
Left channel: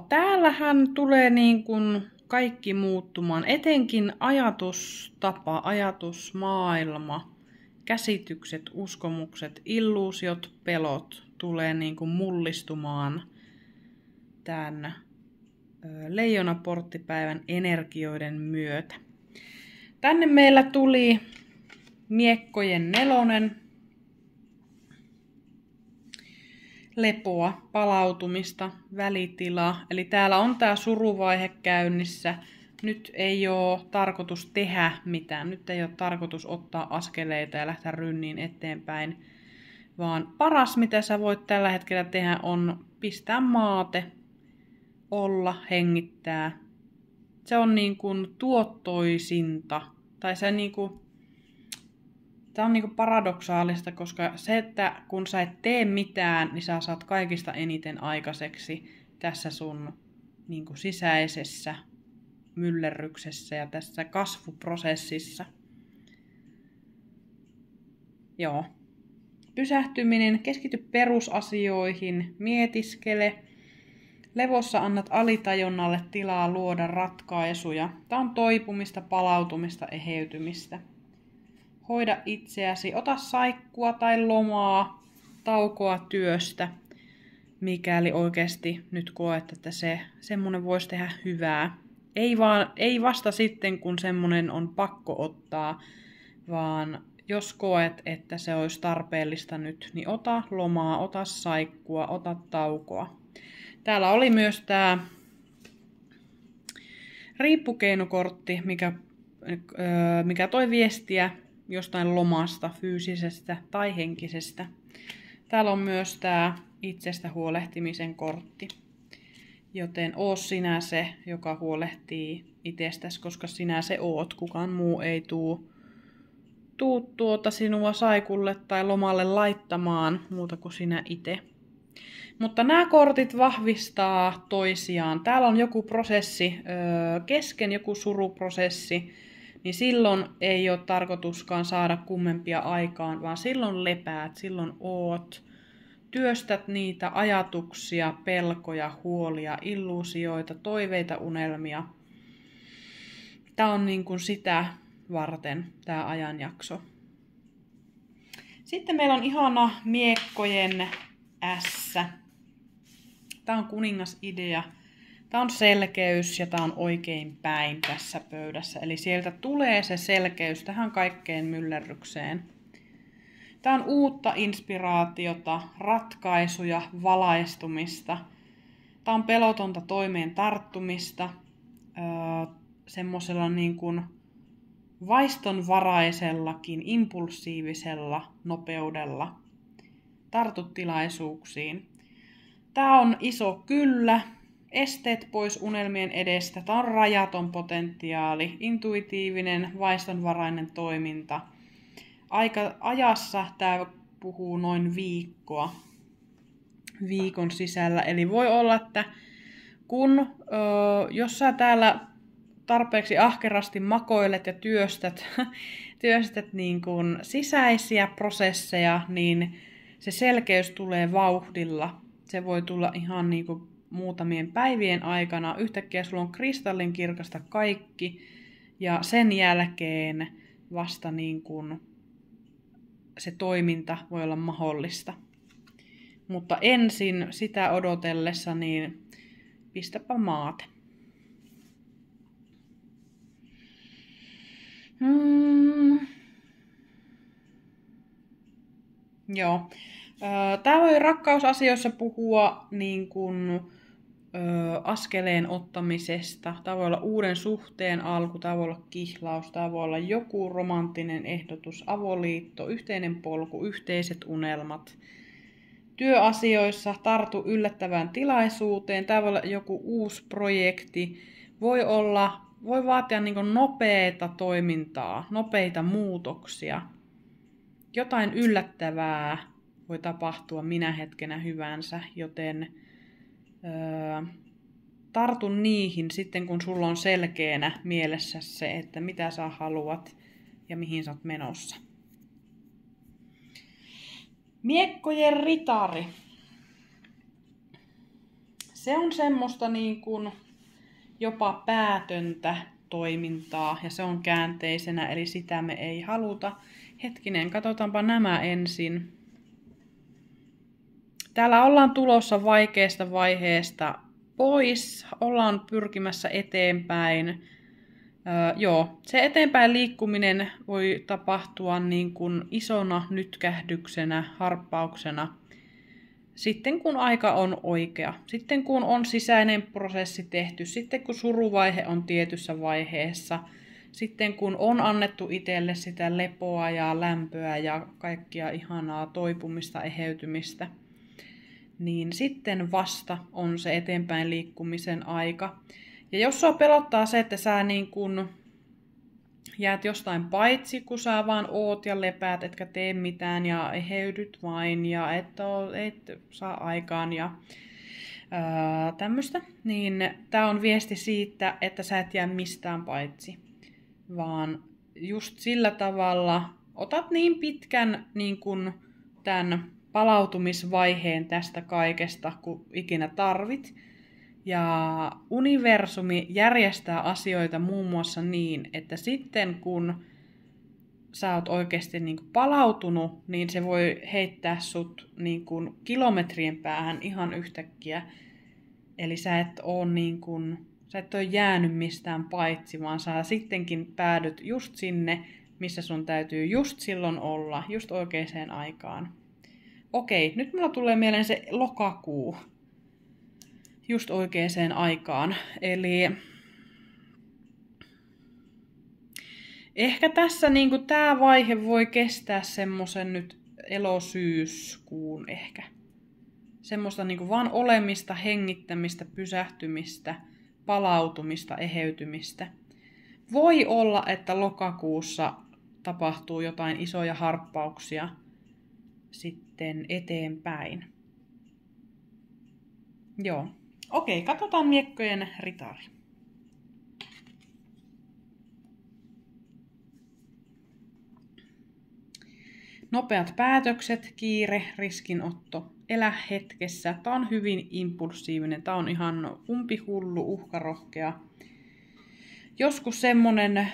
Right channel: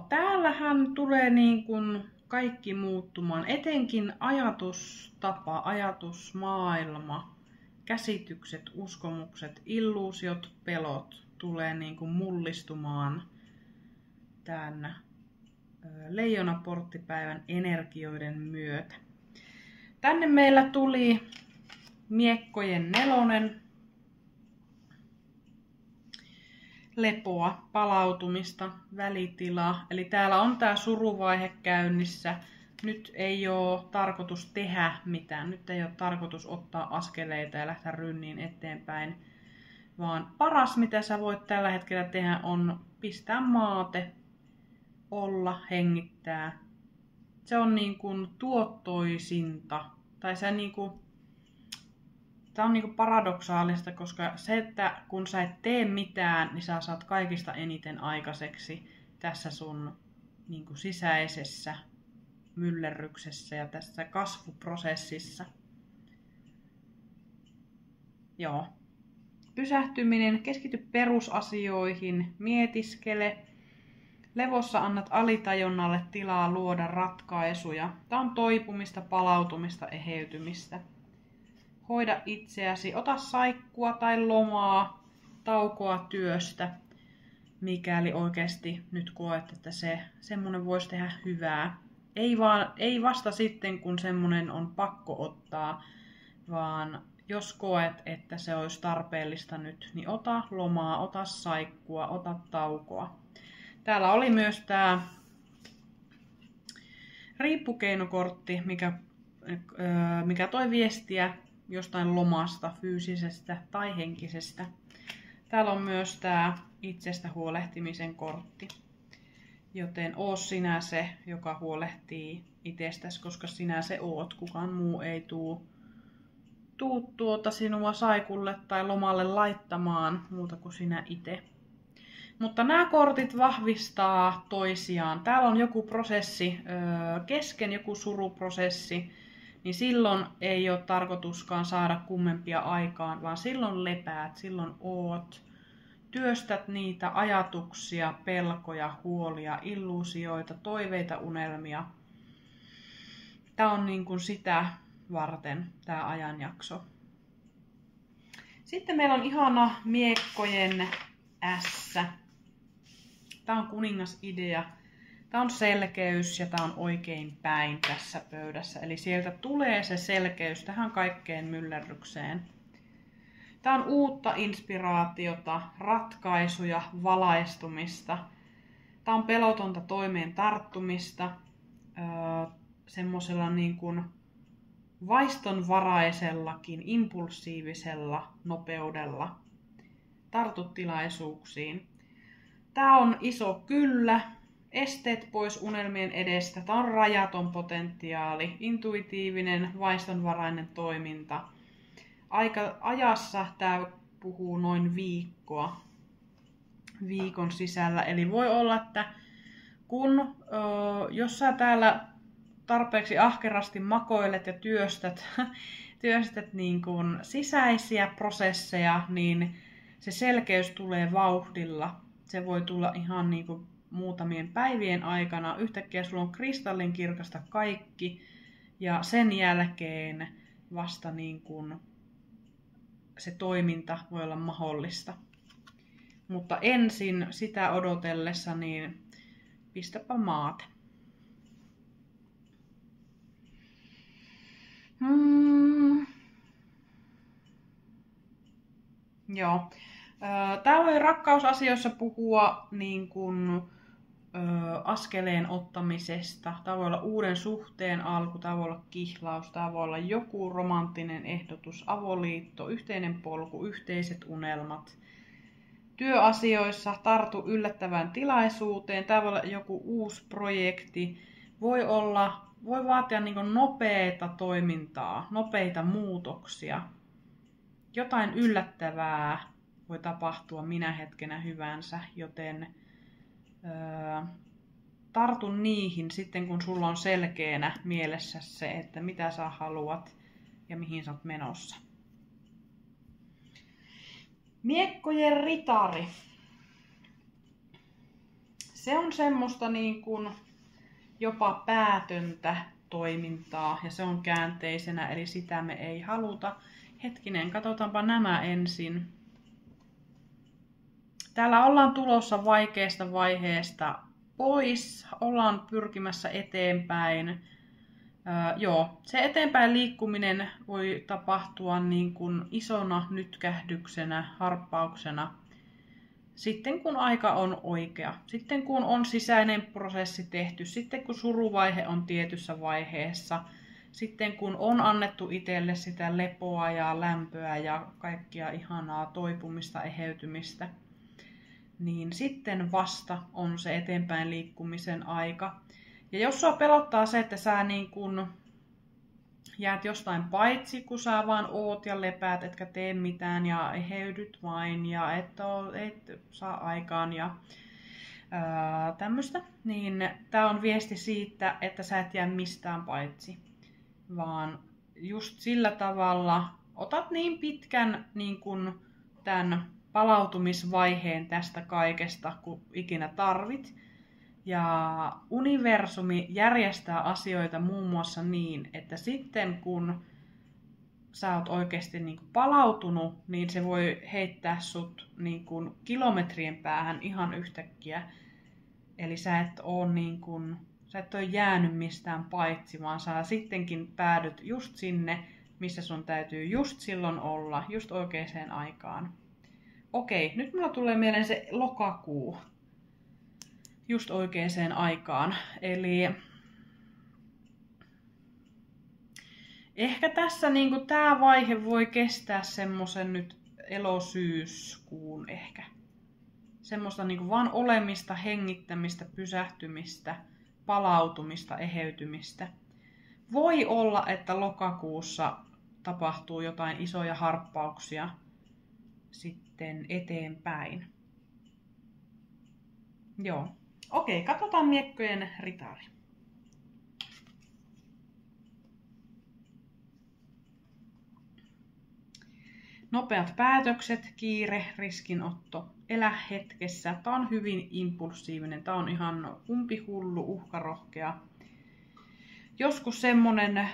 Täällähän tulee niin kuin kaikki muuttumaan, etenkin ajatustapa, ajatusmaailma, käsitykset, uskomukset, illuusiot, pelot tulee niin kuin mullistumaan tämän leijonaporttipäivän energioiden myötä. Tänne meillä tuli miekkojen nelonen, lepoa, palautumista, välitilaa. Eli täällä on tämä suruvaihe käynnissä. Nyt ei ole tarkoitus tehdä mitään. Nyt ei ole tarkoitus ottaa askeleita ja lähteä rynniin eteenpäin. Vaan paras, mitä sä voit tällä hetkellä tehdä, on pistää maate, olla, hengittää. Se on niin kuin tuottoisinta. Tai se niin kuin Tämä on niinku paradoksaalista, koska se, että kun sä et tee mitään, niin sä saat kaikista eniten aikaiseksi tässä sun niinku sisäisessä myllerryksessä ja tässä kasvuprosessissa. Joo. Pysähtyminen, keskity perusasioihin, mietiskele. Levossa annat alitajunnalle tilaa luoda ratkaisuja. Tämä on toipumista, palautumista, eheytymistä. Hoida itseäsi, ota saikkua tai lomaa, taukoa työstä, mikäli oikeasti nyt koet, että semmoinen voisi tehdä hyvää. Ei vasta sitten, kun semmoinen on pakko ottaa, vaan jos koet, että se olisi tarpeellista nyt, niin ota lomaa, ota saikkua, ota taukoa. Täällä oli myös tämä riippukeinokortti, mikä toi viestiä jostain lomasta, fyysisestä tai henkisestä. Täällä on myös tämä itsestä huolehtimisen kortti. Joten oo sinä se, joka huolehtii itsestäsi, koska sinä se oot. Kukaan muu ei tuu sinua saikulle tai lomalle laittamaan muuta kuin sinä itse. Mutta nämä kortit vahvistaa toisiaan. Täällä on joku prosessi kesken, joku suruprosessi, niin silloin ei ole tarkoituskaan saada kummempia aikaan, vaan silloin lepäät, silloin oot. Työstät niitä ajatuksia, pelkoja, huolia, illuusioita, toiveita, unelmia. Tämä on niin kuin sitä varten tämä ajanjakso. Sitten meillä on ihana miekkojen ässä. Tämä on kuningasidea. Tämä on selkeys ja tämä on oikein päin tässä pöydässä. Eli sieltä tulee se selkeys tähän kaikkeen myllerrykseen. Tämä on uutta inspiraatiota, ratkaisuja, valaistumista. Tämä on pelotonta toimeen tarttumista, semmoisella niin kuin vaistonvaraisellakin, impulsiivisella nopeudella. Tartut tilaisuuksiin. Tämä on iso kyllä. Esteet pois unelmien edestä. Tämä on rajaton potentiaali, intuitiivinen, vaistonvarainen toiminta. Ajassa tämä puhuu noin viikon sisällä. Eli voi olla, että jos sä täällä tarpeeksi ahkerasti makoilet ja työstät niin kuin sisäisiä prosesseja, niin se selkeys tulee vauhdilla. Se voi tulla ihan niin kuin muutamien päivien aikana. Yhtäkkiä sulla on kristallinkirkasta kaikki ja sen jälkeen vasta niin kuin se toiminta voi olla mahdollista. Mutta ensin sitä odotellessa niin pistäpä maate. Joo. Tämä voi rakkausasioissa puhua niin kuin, askeleen ottamisesta. Tämä voi olla uuden suhteen alku, tämä voi olla kihlaus, tämä voi olla joku romanttinen ehdotus, avoliitto, yhteinen polku, yhteiset unelmat. Työasioissa tartu yllättävään tilaisuuteen, tämä voi olla joku uusi projekti, voi vaatia niin kuin nopeata toimintaa, nopeita muutoksia. Jotain yllättävää voi tapahtua minä hetkenä hyvänsä, joten tartu niihin sitten, kun sulla on selkeänä mielessä se, että mitä sä haluat ja mihin sä oot menossa. Miekkojen ritari. Se on semmoista niin kuin jopa päätöntä toimintaa ja se on käänteisenä, eli sitä me ei haluta. Hetkinen, katsotaanpa nämä ensin. Täällä ollaan tulossa vaikeasta vaiheesta pois, ollaan pyrkimässä eteenpäin. Se eteenpäin liikkuminen voi tapahtua niin kuin isona nytkähdyksenä, harppauksena. Sitten kun aika on oikea, sitten kun on sisäinen prosessi tehty, sitten kun suruvaihe on tietyssä vaiheessa, sitten kun on annettu itselle sitä lepoa ja lämpöä ja kaikkia ihanaa toipumista, eheytymistä, niin sitten vasta on se eteenpäin liikkumisen aika. Ja jos sua pelottaa se, että sä niin kun jäät jostain paitsi, kun sä vaan oot ja lepäät, etkä tee mitään ja eheydyt vain ja et saa aikaan ja tämmöistä, niin tää on viesti siitä, että sä et jää mistään paitsi, vaan just sillä tavalla otat niin pitkän niin kun tämän palautumisvaiheen tästä kaikesta, kun ikinä tarvit. Ja universumi järjestää asioita muun muassa niin, että sitten kun sä oot oikeasti niin kuin palautunut, niin se voi heittää sut niin kuin kilometrien päähän ihan yhtäkkiä. Eli sä et ole jäänyt mistään paitsi, vaan sä sittenkin päädyt just sinne, missä sun täytyy just silloin olla, just oikeaan aikaan. Okei, nyt mulla tulee mieleen se lokakuu. Just oikeaan aikaan. Eli ehkä tässä niinku tää vaihe voi kestää semmosen nyt elosyyskuun ehkä. Semmoista niinku vaan olemista, hengittämistä, pysähtymistä, palautumista, eheytymistä. Voi olla, että lokakuussa tapahtuu jotain isoja harppauksia sitten eteenpäin. Joo. Okei, katsotaan miekkojen ritari. Nopeat päätökset, kiire, riskinotto, elä hetkessä. Tää on hyvin impulsiivinen. Tää on ihan umpihullu, uhkarohkea. Joskus semmonen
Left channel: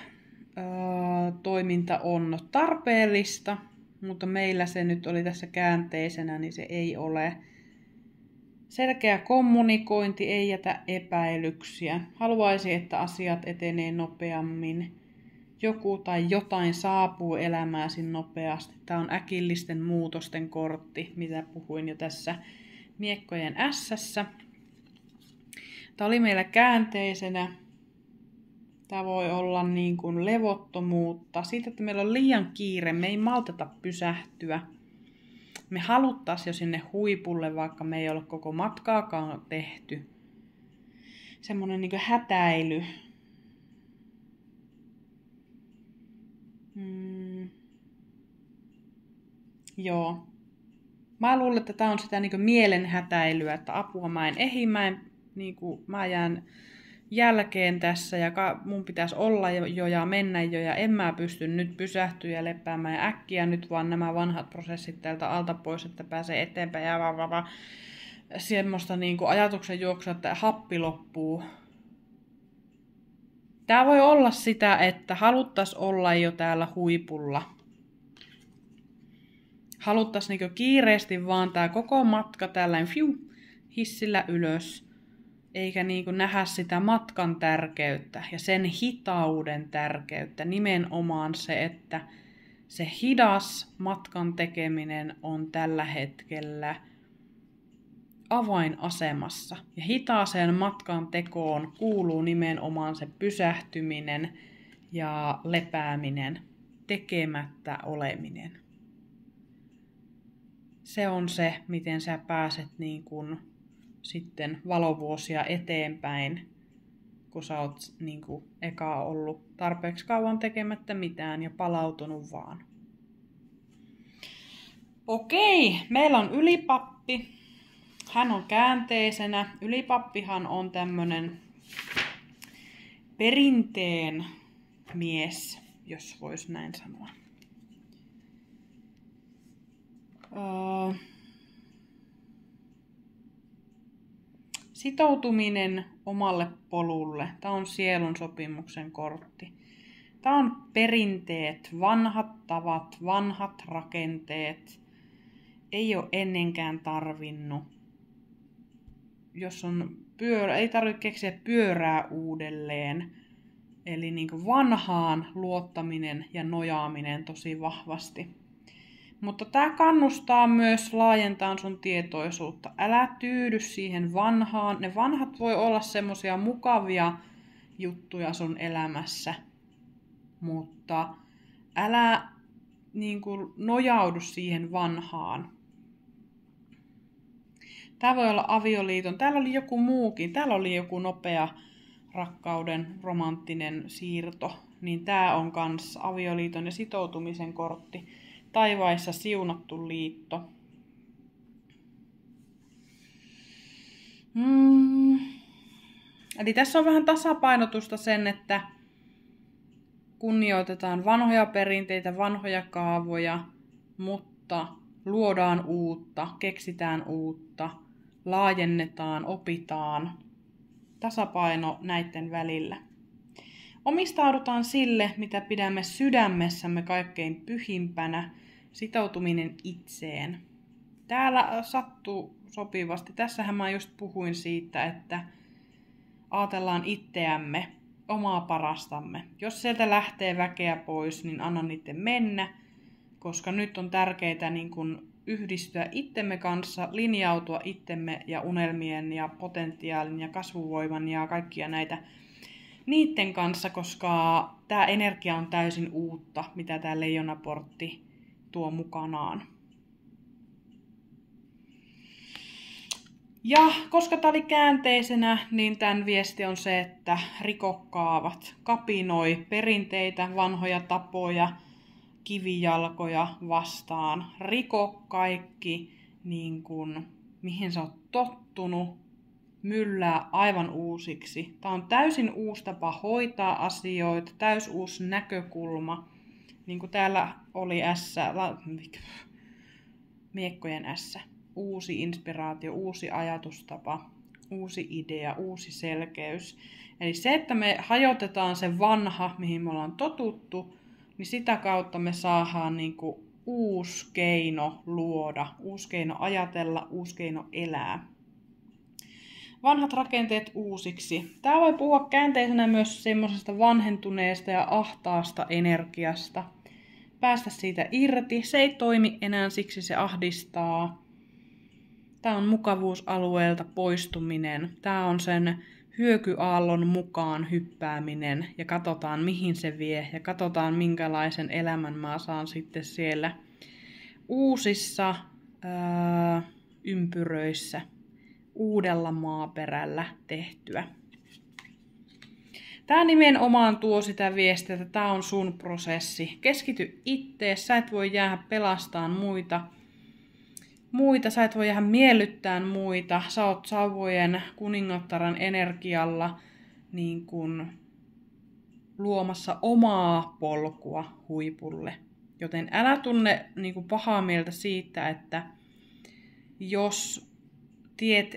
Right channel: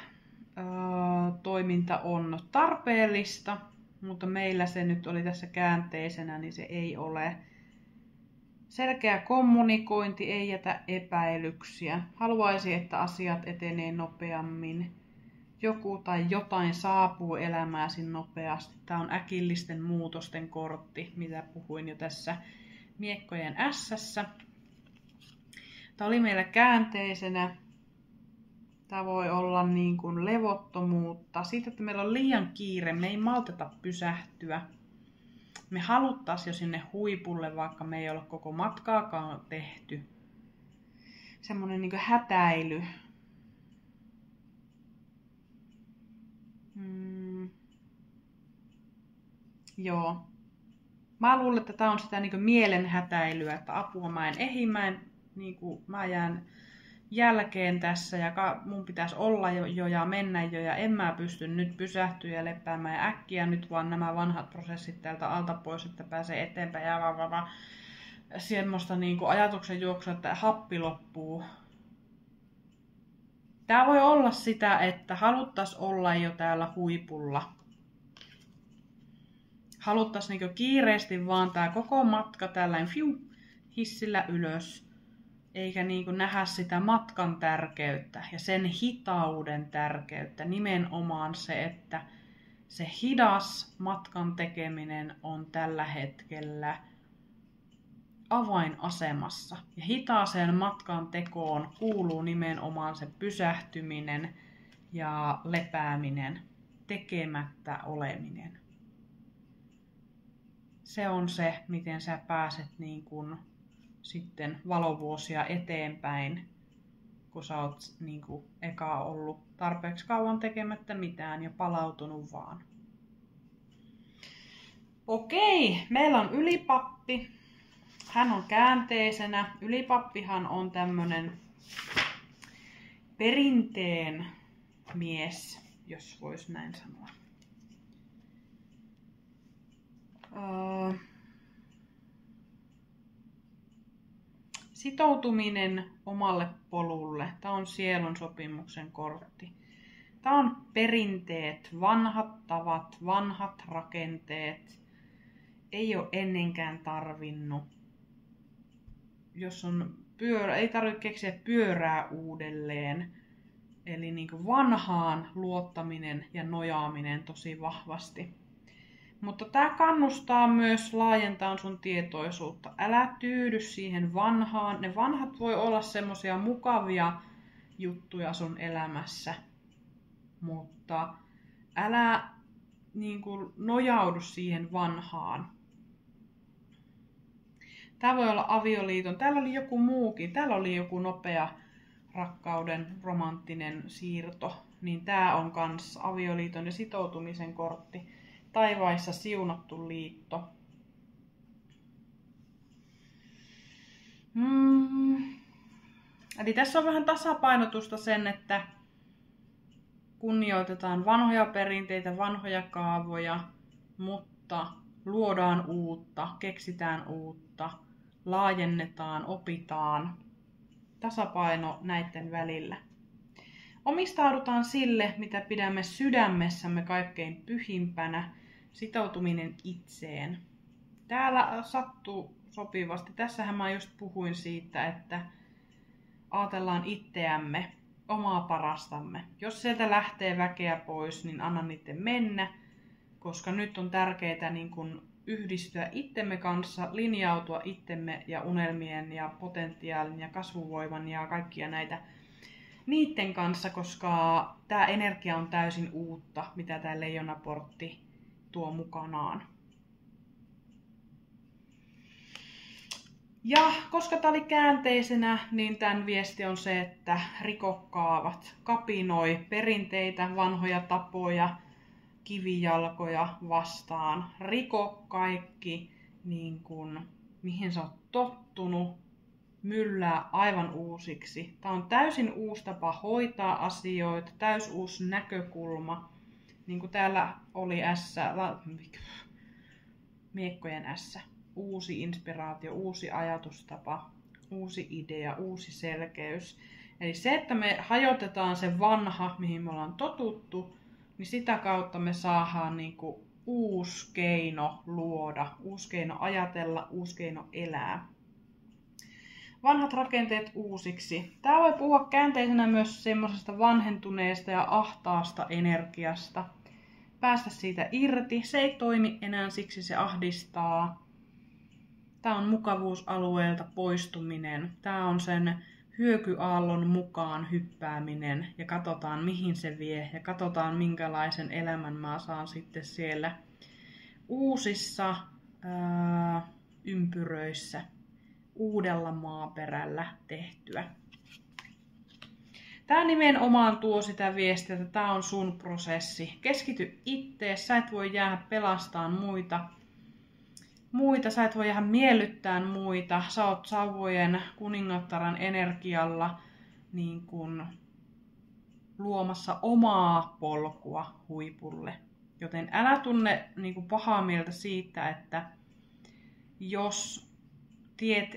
toiminta on tarpeellista, mutta meillä se nyt oli tässä käänteisenä, niin se ei ole. Selkeä kommunikointi, ei jätä epäilyksiä. Haluaisi, että asiat etenee nopeammin. Joku tai jotain saapuu elämääsi nopeasti. Tämä on äkillisten muutosten kortti, mitä puhuin jo tässä miekkojen ässässä. Tämä oli meillä käänteisenä. Tämä voi olla niin kuin levottomuutta. Siitä, että meillä on liian kiire, me ei malteta pysähtyä. Me haluttaisiin jo sinne huipulle, vaikka me ei ole koko matkaakaan tehty. Semmoinen niin kuin hätäily. Joo. Mä luulen, että tää on sitä niin kuin mielen hätäilyä, että apua mä en ehdi, mä jään jälkeen tässä ja mun pitäisi olla jo ja mennä jo ja en mä pysty nyt pysähtyä ja lepäämään äkkiä nyt vaan nämä vanhat prosessit täältä alta pois, että pääsee eteenpäin ja semmoista niin kuin ajatuksen juoksua, että happi loppuu. Tää voi olla sitä, että haluttaisiin olla jo täällä huipulla. Haluttaisiin niin kiireesti vaan tää koko matka tällainen hissillä ylös. Eikä niinku nähdä sitä matkan tärkeyttä ja sen hitauden tärkeyttä. Nimenomaan se, että se hidas matkan tekeminen on tällä hetkellä avainasemassa. Ja hitaaseen matkan tekoon kuuluu nimenomaan se pysähtyminen ja lepääminen, tekemättä oleminen. Se on se, miten sä pääset niin kuin sitten valovuosia eteenpäin, kun sä oot niin kuin eka ollut tarpeeksi kauan tekemättä mitään ja palautunut vaan. Okei, meillä on ylipappi. Hän on käänteisenä. Ylipappihan on tämmönen perinteen mies, jos vois näin sanoa. Sitoutuminen omalle polulle. Tämä on sielun sopimuksen kortti. Tämä on perinteet, vanhat tavat, vanhat rakenteet. Ei ole ennenkään tarvinnut. Jos on ei tarvitse keksiä pyörää uudelleen. Eli niin kuin vanhaan luottaminen ja nojaaminen tosi vahvasti. Mutta tämä kannustaa myös laajentamaan sun tietoisuutta. Älä tyydy siihen vanhaan. Ne vanhat voi olla semmoisia mukavia juttuja sun elämässä. Mutta älä niin kuin nojaudu siihen vanhaan. Tämä voi olla avioliiton. Täällä oli joku muukin. Täällä oli joku nopea rakkauden romanttinen siirto. niin tää on kans avioliiton ja sitoutumisen kortti. Taivaissa siunattu liitto. Eli tässä on vähän tasapainotusta sen, että kunnioitetaan vanhoja perinteitä, vanhoja kaavoja, mutta luodaan uutta, keksitään uutta, laajennetaan, opitaan. Tasapaino näiden välillä. Omistaudutaan sille, mitä pidämme sydämessämme kaikkein pyhimpänä, sitoutuminen itseen. Täällä sattuu sopivasti. Tässähän mä just puhuin siitä, että ajatellaan itseämme, omaa parastamme. Jos sieltä lähtee väkeä pois, niin anna niiden mennä, koska nyt on tärkeää niin kun yhdistyä itsemme kanssa, linjautua itsemme ja unelmien ja potentiaalin ja kasvuvoiman ja kaikkia näitä niiden kanssa, koska tämä energia on täysin uutta, mitä tämä leijonaportti tuo mukanaan. Ja koska tämä oli käänteisenä, niin tämän viesti on se, että rikokaavat, kapinoi perinteitä, vanhoja tapoja, kivijalkoja vastaan. Riko kaikki, niin kuin, mihin sä oot tottunut, myllää aivan uusiksi. Tämä on täysin uusi tapa hoitaa asioita, täysin uusi näkökulma. Niin kuin täällä oli miekkojen ässä. Uusi inspiraatio, uusi ajatustapa, uusi idea, uusi selkeys. Eli se, että me hajotetaan se vanha, mihin me ollaan totuttu, niin sitä kautta me saadaan niin kuin uusi keino luoda, uusi keino ajatella, uusi keino elää. Vanhat rakenteet uusiksi. Tämä voi puhua käänteisenä myös semmoisesta vanhentuneesta ja ahtaasta energiasta. Päästä siitä irti. Se ei toimi enää, siksi se ahdistaa. Tämä on mukavuusalueelta poistuminen. Tämä on sen hyökyaallon mukaan hyppääminen ja katsotaan mihin se vie ja katsotaan minkälaisen elämän mä saan sitten siellä uusissa ympyröissä uudella maaperällä tehtyä. Tämä nimenomaan tuo sitä viestiä, että tämä on sun prosessi. Keskity ittees, sä et voi jäädä pelastamaan muita, sä et voi jäädä miellyttämään muita. Sä oot sauvojen kuningattaran energialla niin kun luomassa omaa polkua huipulle. Joten älä tunne niin kun pahaa mieltä siitä, että jos tiet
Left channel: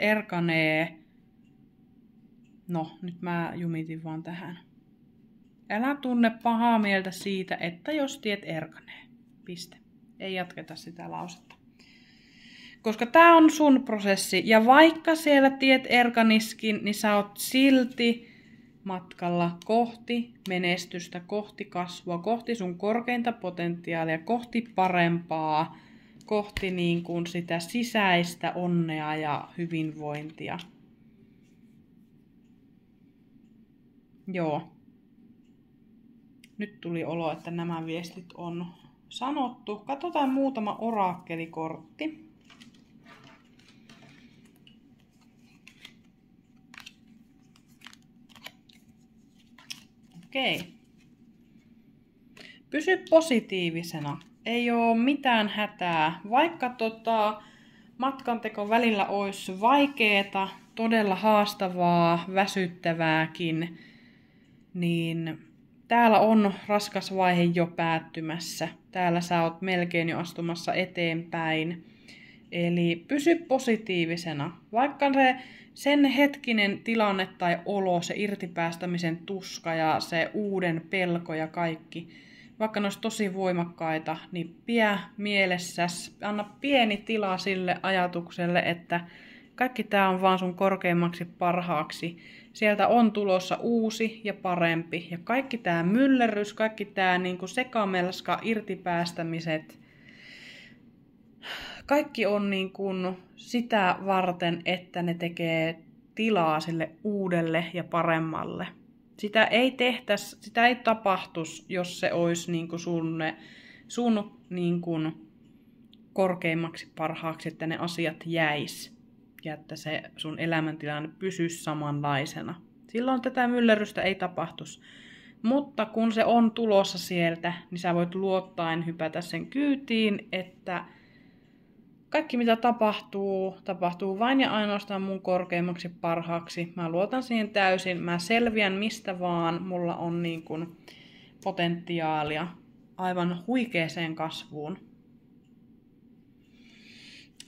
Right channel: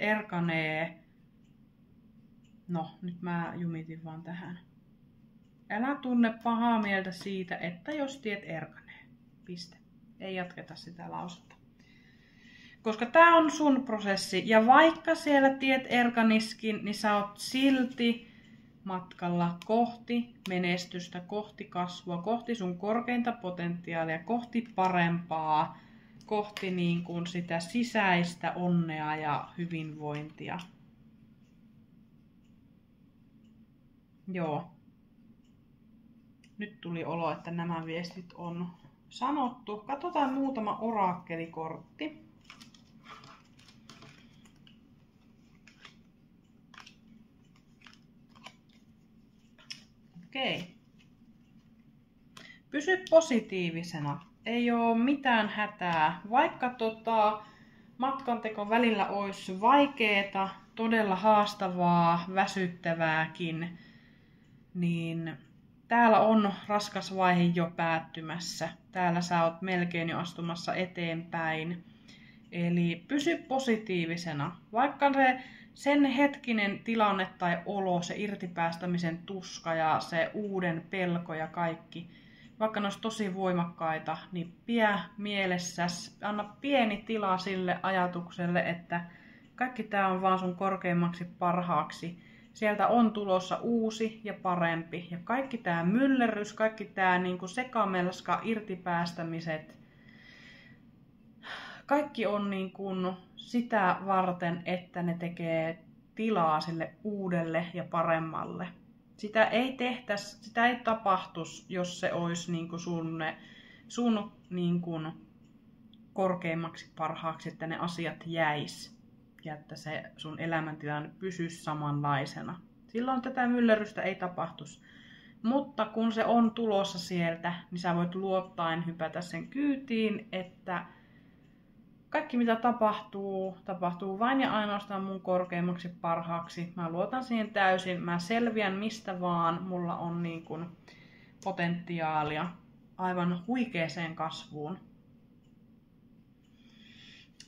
erkanee, no nyt mä jumitin vaan tähän. Älä tunne pahaa mieltä siitä, että jos tiet erkanee. Piste. Ei jatketa sitä lausetta. Koska tää on sun prosessi. Ja vaikka siellä tiet erkaniskin, niin sä oot silti matkalla kohti menestystä, kohti kasvua, kohti sun korkeinta potentiaalia, kohti parempaa, kohti niin kuin sitä sisäistä onnea ja hyvinvointia. Joo. Nyt tuli olo, että nämä viestit on sanottu. Katsotaan muutama oraakkelikortti. Okei. Pysy positiivisena. Ei ole mitään hätää. Vaikka matkanteko välillä olisi vaikeeta, todella haastavaa, väsyttävääkin, niin täällä on raskas vaihe jo päättymässä. Täällä sä oot melkein jo astumassa eteenpäin. Eli pysy positiivisena. Vaikka sen hetkinen tilanne tai olo, se irtipäästämisen tuska ja se uuden pelko ja kaikki, vaikka ne olisi tosi voimakkaita, niin pidä mielessäsi, anna pieni tila sille ajatukselle, että kaikki tämä on vaan sun korkeimmaksi parhaaksi. Sieltä on tulossa uusi ja parempi. Ja kaikki tämä myllerrys, kaikki tämä niinku sekamelska, irtipäästämiset, kaikki on niinku sitä varten, että ne tekee tilaa sille uudelle ja paremmalle. Sitä ei tapahtuisi, jos se olisi niinku sun niinku korkeimmaksi parhaaksi, että ne asiat jäis. ja että se sun elämäntilanne pysyisi samanlaisena. Silloin tätä myllerrystä ei tapahtuisi. Mutta kun se on tulossa sieltä, niin sä voit luottaen hypätä sen kyytiin, että kaikki mitä tapahtuu vain ja ainoastaan mun korkeimmaksi parhaaksi. Mä luotan siihen täysin, mä selviän mistä vaan, mulla on niin kuin potentiaalia aivan huikeeseen kasvuun.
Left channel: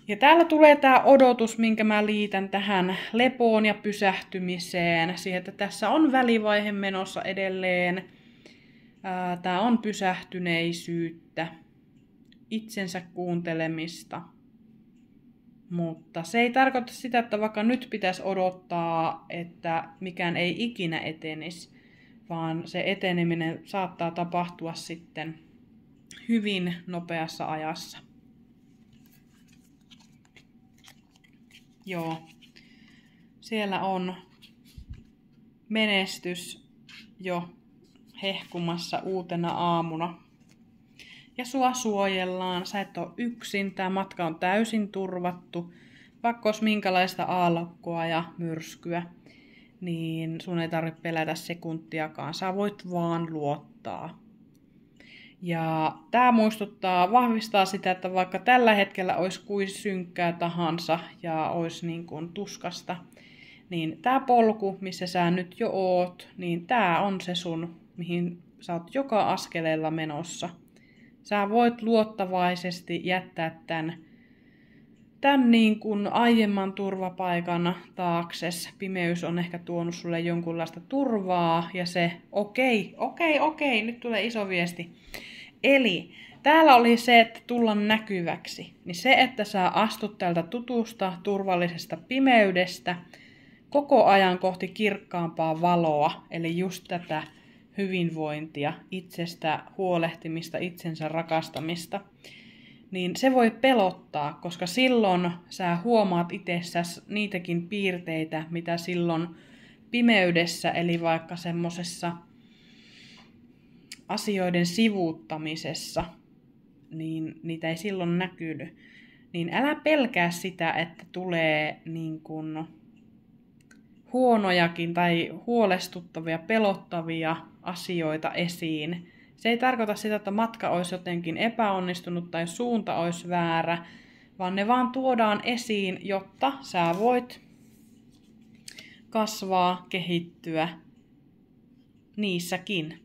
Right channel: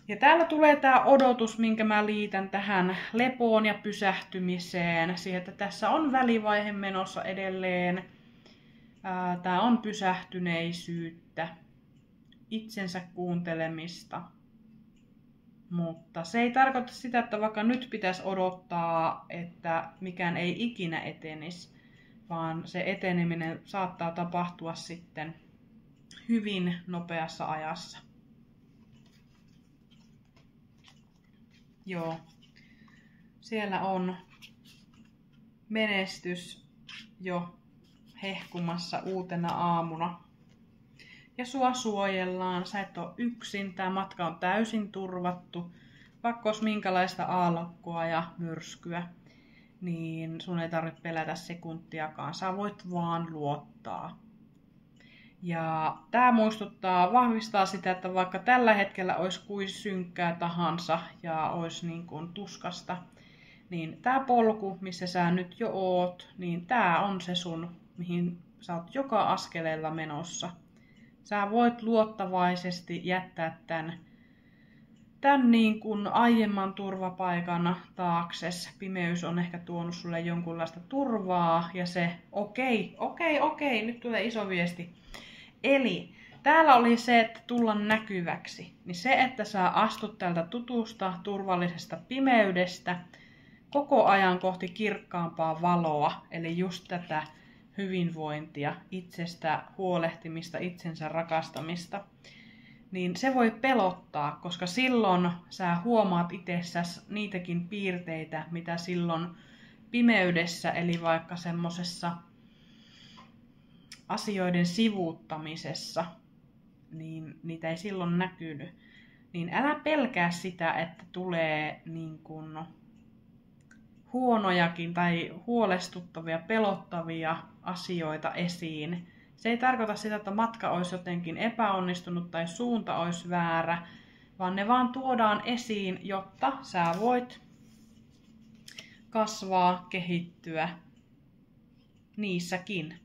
Ja täällä tulee tää odotus, minkä mä liitän tähän lepoon ja pysähtymiseen. Siihen, että tässä on välivaihe menossa edelleen. Tää on pysähtyneisyyttä, itsensä kuuntelemista. Mutta se ei tarkoita sitä, että vaikka nyt pitäisi odottaa, että mikään ei ikinä etenisi, vaan se eteneminen saattaa tapahtua sitten hyvin nopeassa ajassa. Joo, siellä on menestys jo hehkumassa uutena aamuna. Ja sua suojellaan, sä et ole yksin, tää matka on täysin turvattu. Vaikka olisi minkälaista aallokkoa ja myrskyä, niin sun ei tarvitse pelätä sekuntiakaan. Sä voit vaan luottaa. Ja tää vahvistaa sitä, että vaikka tällä hetkellä olisi kuin synkkää tahansa ja olisi niin kuin tuskasta, niin tää polku, missä sä nyt jo oot, niin tää on se sun, mihin sä oot joka askeleella menossa. Sä voit luottavaisesti jättää tämän niin kuin aiemman turvapaikan taakses. Pimeys on ehkä tuonut sulle jonkunlaista turvaa ja se okei, nyt tulee iso viesti. Eli täällä oli se, että tulla näkyväksi. Niin se, että sä astut tältä tutusta, turvallisesta pimeydestä koko ajan kohti kirkkaampaa valoa, eli just tätä hyvinvointia, itsestä huolehtimista, itsensä rakastamista, niin se voi pelottaa, koska silloin sä huomaat itsessäsi niitäkin piirteitä, mitä silloin pimeydessä, eli vaikka semmosessa asioiden sivuuttamisessa, niin niitä ei silloin näkynyt. Niin älä pelkää sitä, että tulee niin kuin huonojakin tai huolestuttavia, pelottavia asioita esiin. Se ei tarkoita sitä, että matka olisi jotenkin epäonnistunut tai suunta olisi väärä, vaan ne vaan tuodaan esiin, jotta sä voit kasvaa, kehittyä niissäkin.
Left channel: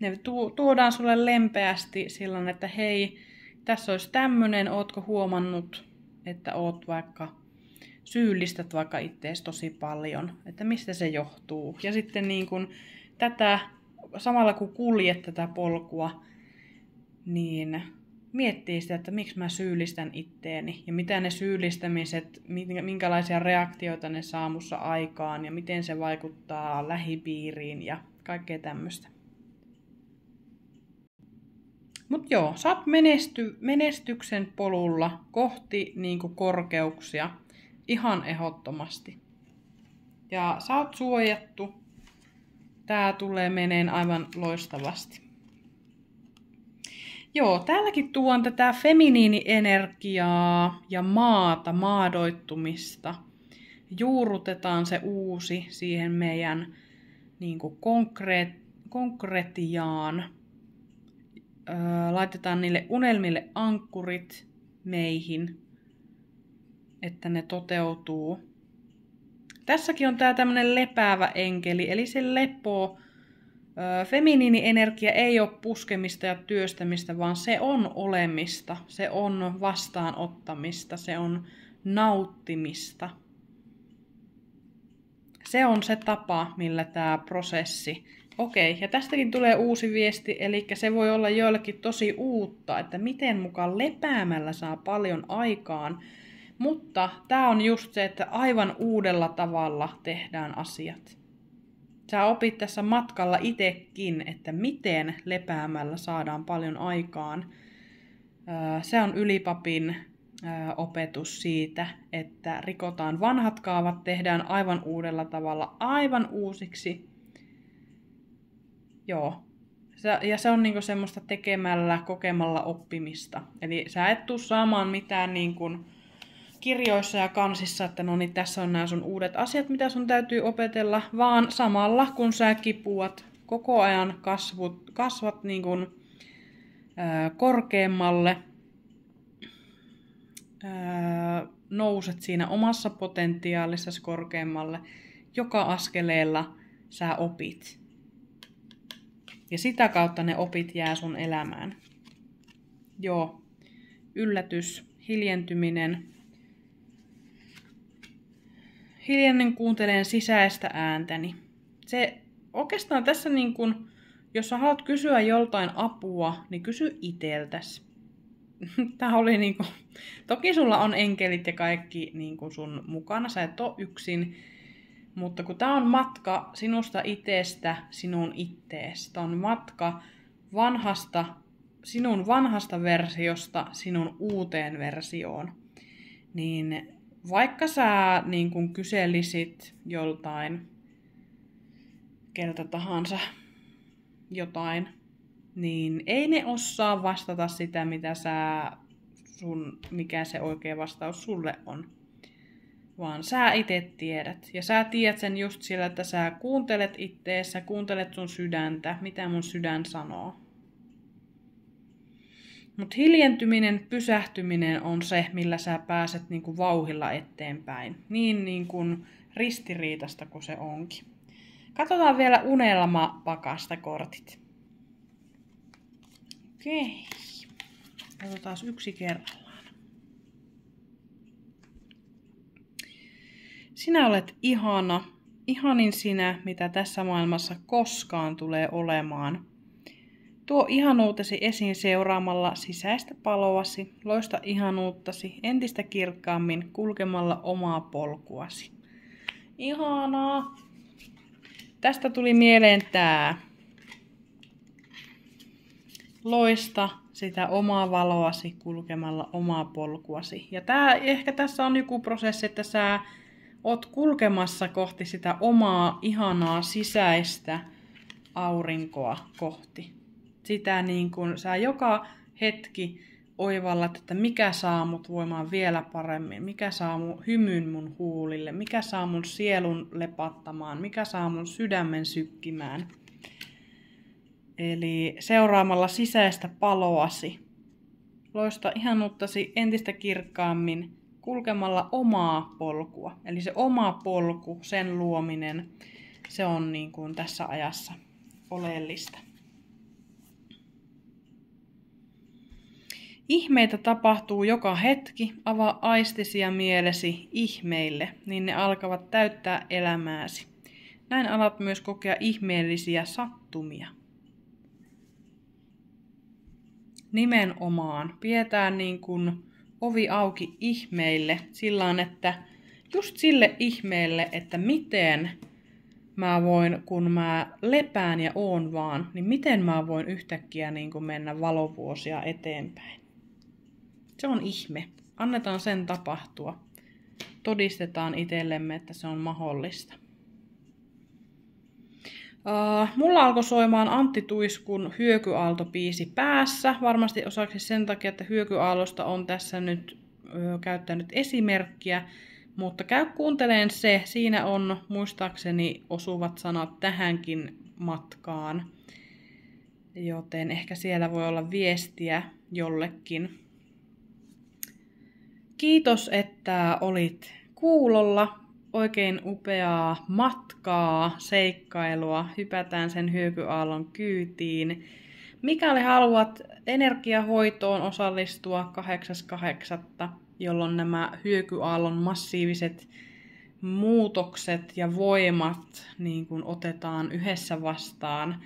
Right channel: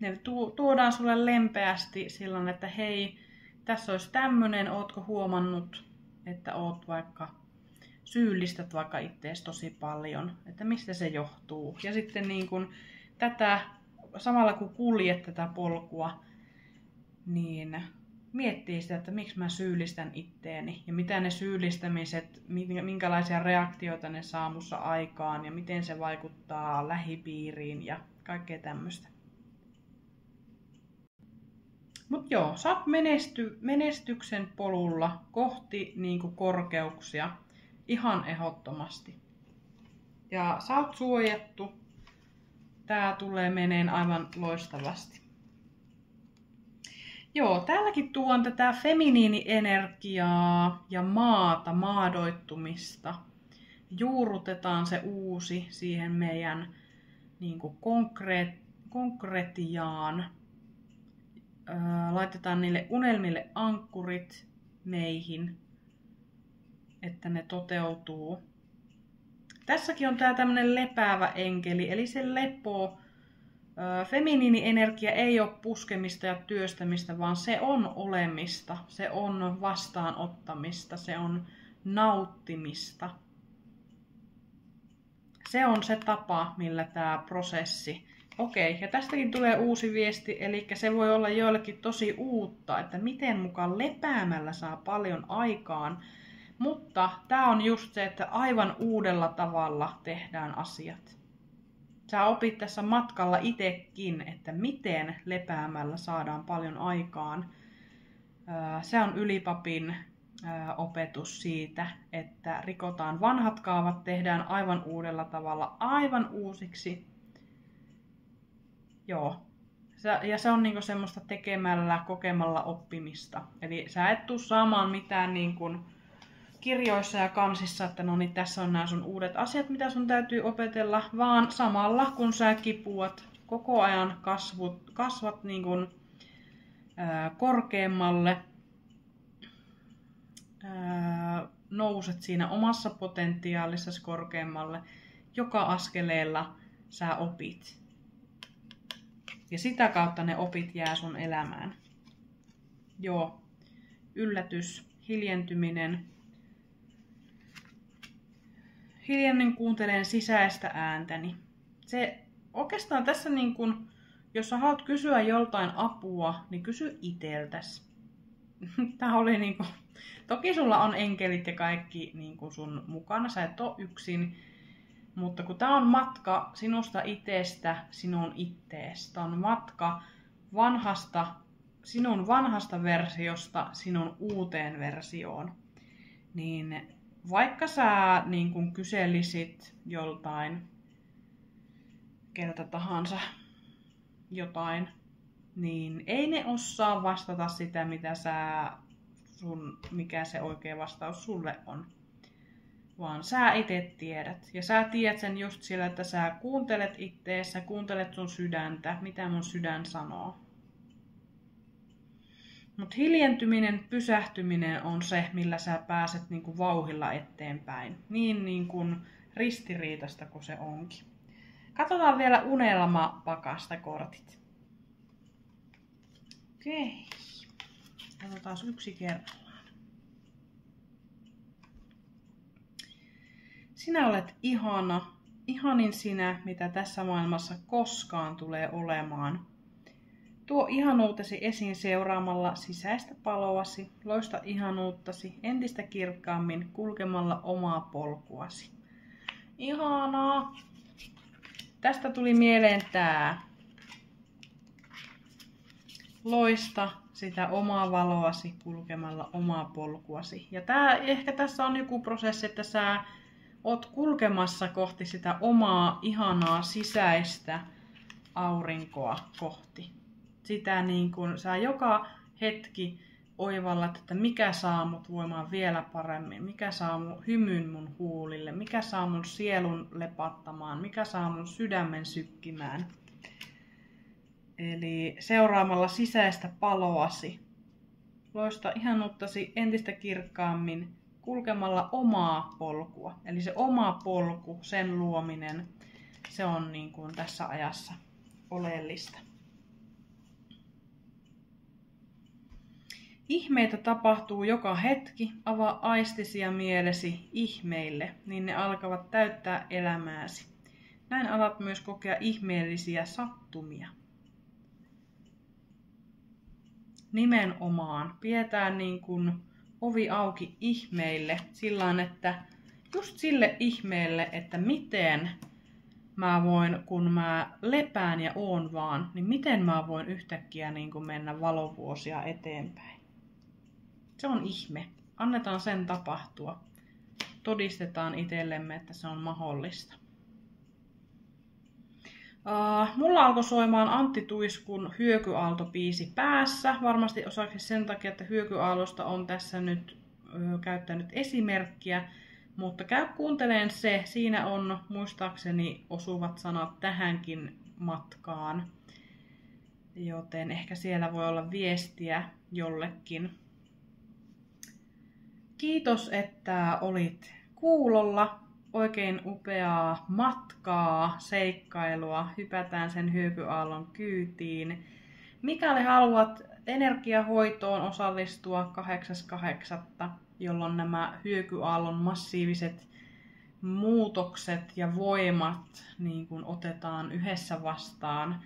Ne tuodaan sulle lempeästi silloin, että hei, tässä olisi tämmönen, ootko huomannut, että oot vaikka syyllistät vaikka ittees tosi paljon, että mistä se johtuu. Ja sitten niin kun tätä, samalla kun kuljet tätä polkua, niin miettii sitä, että miksi mä syyllistän itteeni ja mitä ne syyllistämiset, minkälaisia reaktioita ne saa mussa aikaan ja miten se vaikuttaa lähipiiriin ja kaikkea tämmöistä. Mut joo, sä oot menestyksen polulla kohti niinku korkeuksia ihan ehdottomasti. Ja sä oot suojattu. Tää tulee meneen aivan loistavasti. Joo, täälläkin tuon tätä feminiinienergiaa ja maata, maadoittumista. Juurrutetaan se uusi siihen meidän niinku konkretiaan. Laitetaan niille unelmille ankkurit meihin, että ne toteutuu. Tässäkin on tää tämmönen lepäävä enkeli, eli se lepo. Feminiinienergia ei ole puskemista ja työstämistä, vaan se on olemista, se on vastaanottamista, se on nauttimista. Se on se tapa, millä tämä prosessi. Okei, ja tästäkin tulee uusi viesti, eli se voi olla joillekin tosi uutta, että miten mukaan lepäämällä saa paljon aikaan. Mutta tämä on just se, että aivan uudella tavalla tehdään asiat. Sä opit tässä matkalla itsekin, että miten lepäämällä saadaan paljon aikaan. Se on ylipapin opetus siitä, että rikotaan vanhat kaavat, tehdään aivan uudella tavalla, aivan uusiksi. Joo. Ja se on niinku semmoista tekemällä, kokemalla oppimista. Eli sä et tuu saamaan mitään niinku kirjoissa ja kansissa, että no niin, tässä on nämä sun uudet asiat, mitä sun täytyy opetella, vaan samalla kun sä kipuat koko ajan kasvat niin kuin, korkeammalle, nouset siinä omassa potentiaalissasi korkeammalle, joka askeleella sä opit. Ja sitä kautta ne opit jää sun elämään. Joo, yllätys, hiljentyminen. Hiljainen kuuntelen sisäistä ääntäni. Se oikeastaan tässä niin kun, jos sä haluat kysyä joltain apua, niin kysy iteltäsi. Tää oli niin kun, toki sulla on enkelit ja kaikki niin kun sun mukana, sä et oo yksin. Mutta kun tää on matka sinusta itsestä sinun ittees, tää on matka sinun vanhasta versiosta sinun uuteen versioon, niin vaikka sä niin kun kyselisit joltain, keltä tahansa jotain, niin ei ne osaa vastata sitä, mikä se oikea vastaus sulle on. Vaan sä itse tiedät. Ja sä tiedät sen just sillä, että sä kuuntelet ittees, sä kuuntelet sun sydäntä, mitä mun sydän sanoo. Mut hiljentyminen, pysähtyminen on se, millä sä pääset niinku vauhilla eteenpäin. Niin kuin ristiriitasta kuin se onkin. Katsotaan vielä unelmapakasta kortit. Okei. Otetaan yksi kerrallaan. Sinä olet ihana, ihanin sinä, mitä tässä maailmassa koskaan tulee olemaan. Tuo ihanuutesi esiin seuraamalla sisäistä paloasi, loista ihanuuttasi entistä kirkkaammin kulkemalla omaa polkuasi. Ihanaa! Tästä tuli mieleen tää. Loista sitä omaa valoasi kulkemalla omaa polkuasi. Ja ehkä tässä on joku prosessi, että sä oot kulkemassa kohti sitä omaa ihanaa sisäistä aurinkoa kohti. Sitä niin kuin sä joka hetki oivallat, että mikä saa mut voimaan vielä paremmin, mikä saa mun hymyn mun huulille, mikä saa mun sielun lepattamaan, mikä saa mun sydämen sykkimään. Eli seuraamalla sisäistä paloasi, loista ihanuuttasi entistä kirkkaammin kulkemalla omaa polkua. Eli se oma polku, sen luominen, se on niin kuin tässä ajassa oleellista. Ihmeitä tapahtuu joka hetki, avaa aistisi ja mielesi ihmeille, niin ne alkavat täyttää elämääsi. Näin alat myös kokea ihmeellisiä sattumia. Nimenomaan pidetään niin kuin ovi auki ihmeille silloin, että just sille ihmeelle, että miten mä voin, kun mä lepään ja oon vaan, niin miten mä voin yhtäkkiä niin kuin mennä valovuosia eteenpäin. Se on ihme. Annetaan sen tapahtua. Todistetaan itsellemme, että se on mahdollista. Mulla alkoi soimaan Antti Tuiskun Hyökyaalto-biisi päässä. Varmasti osaksi sen takia, että Hyökyaallosta on tässä nyt käyttänyt esimerkkiä. Mutta käy kuunteleen se. Siinä on muistaakseni osuvat sanat tähänkin matkaan. Joten ehkä siellä voi olla viestiä jollekin. Kiitos, että olit kuulolla. Oikein upeaa matkaa, seikkailua. Hypätään sen Hyökyaallon kyytiin. Mikäli haluat energiahoitoon osallistua 8.8., jolloin nämä Hyökyaallon massiiviset muutokset ja voimat niin kun otetaan yhdessä vastaan,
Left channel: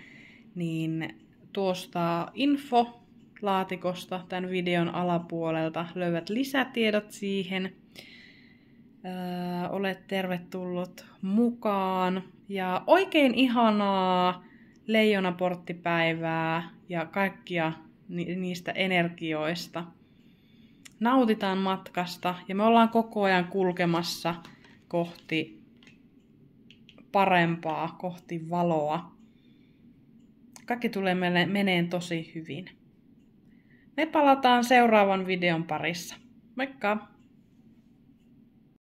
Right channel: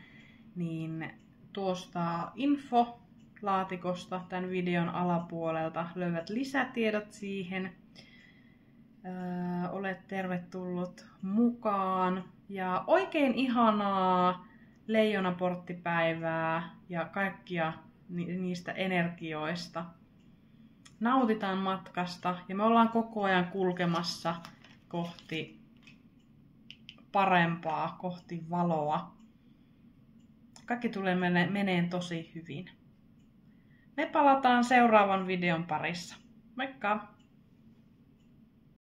niin tuosta infolaatikosta tämän videon alapuolelta löydät lisätiedot siihen. Olet tervetullut mukaan ja oikein ihanaa leijonaporttipäivää ja kaikkia niistä energioista. Nautitaan matkasta ja me ollaan koko ajan kulkemassa kohti parempaa, kohti valoa. Kaikki tulee meneen tosi hyvin. Me palataan seuraavan videon parissa. Moikka!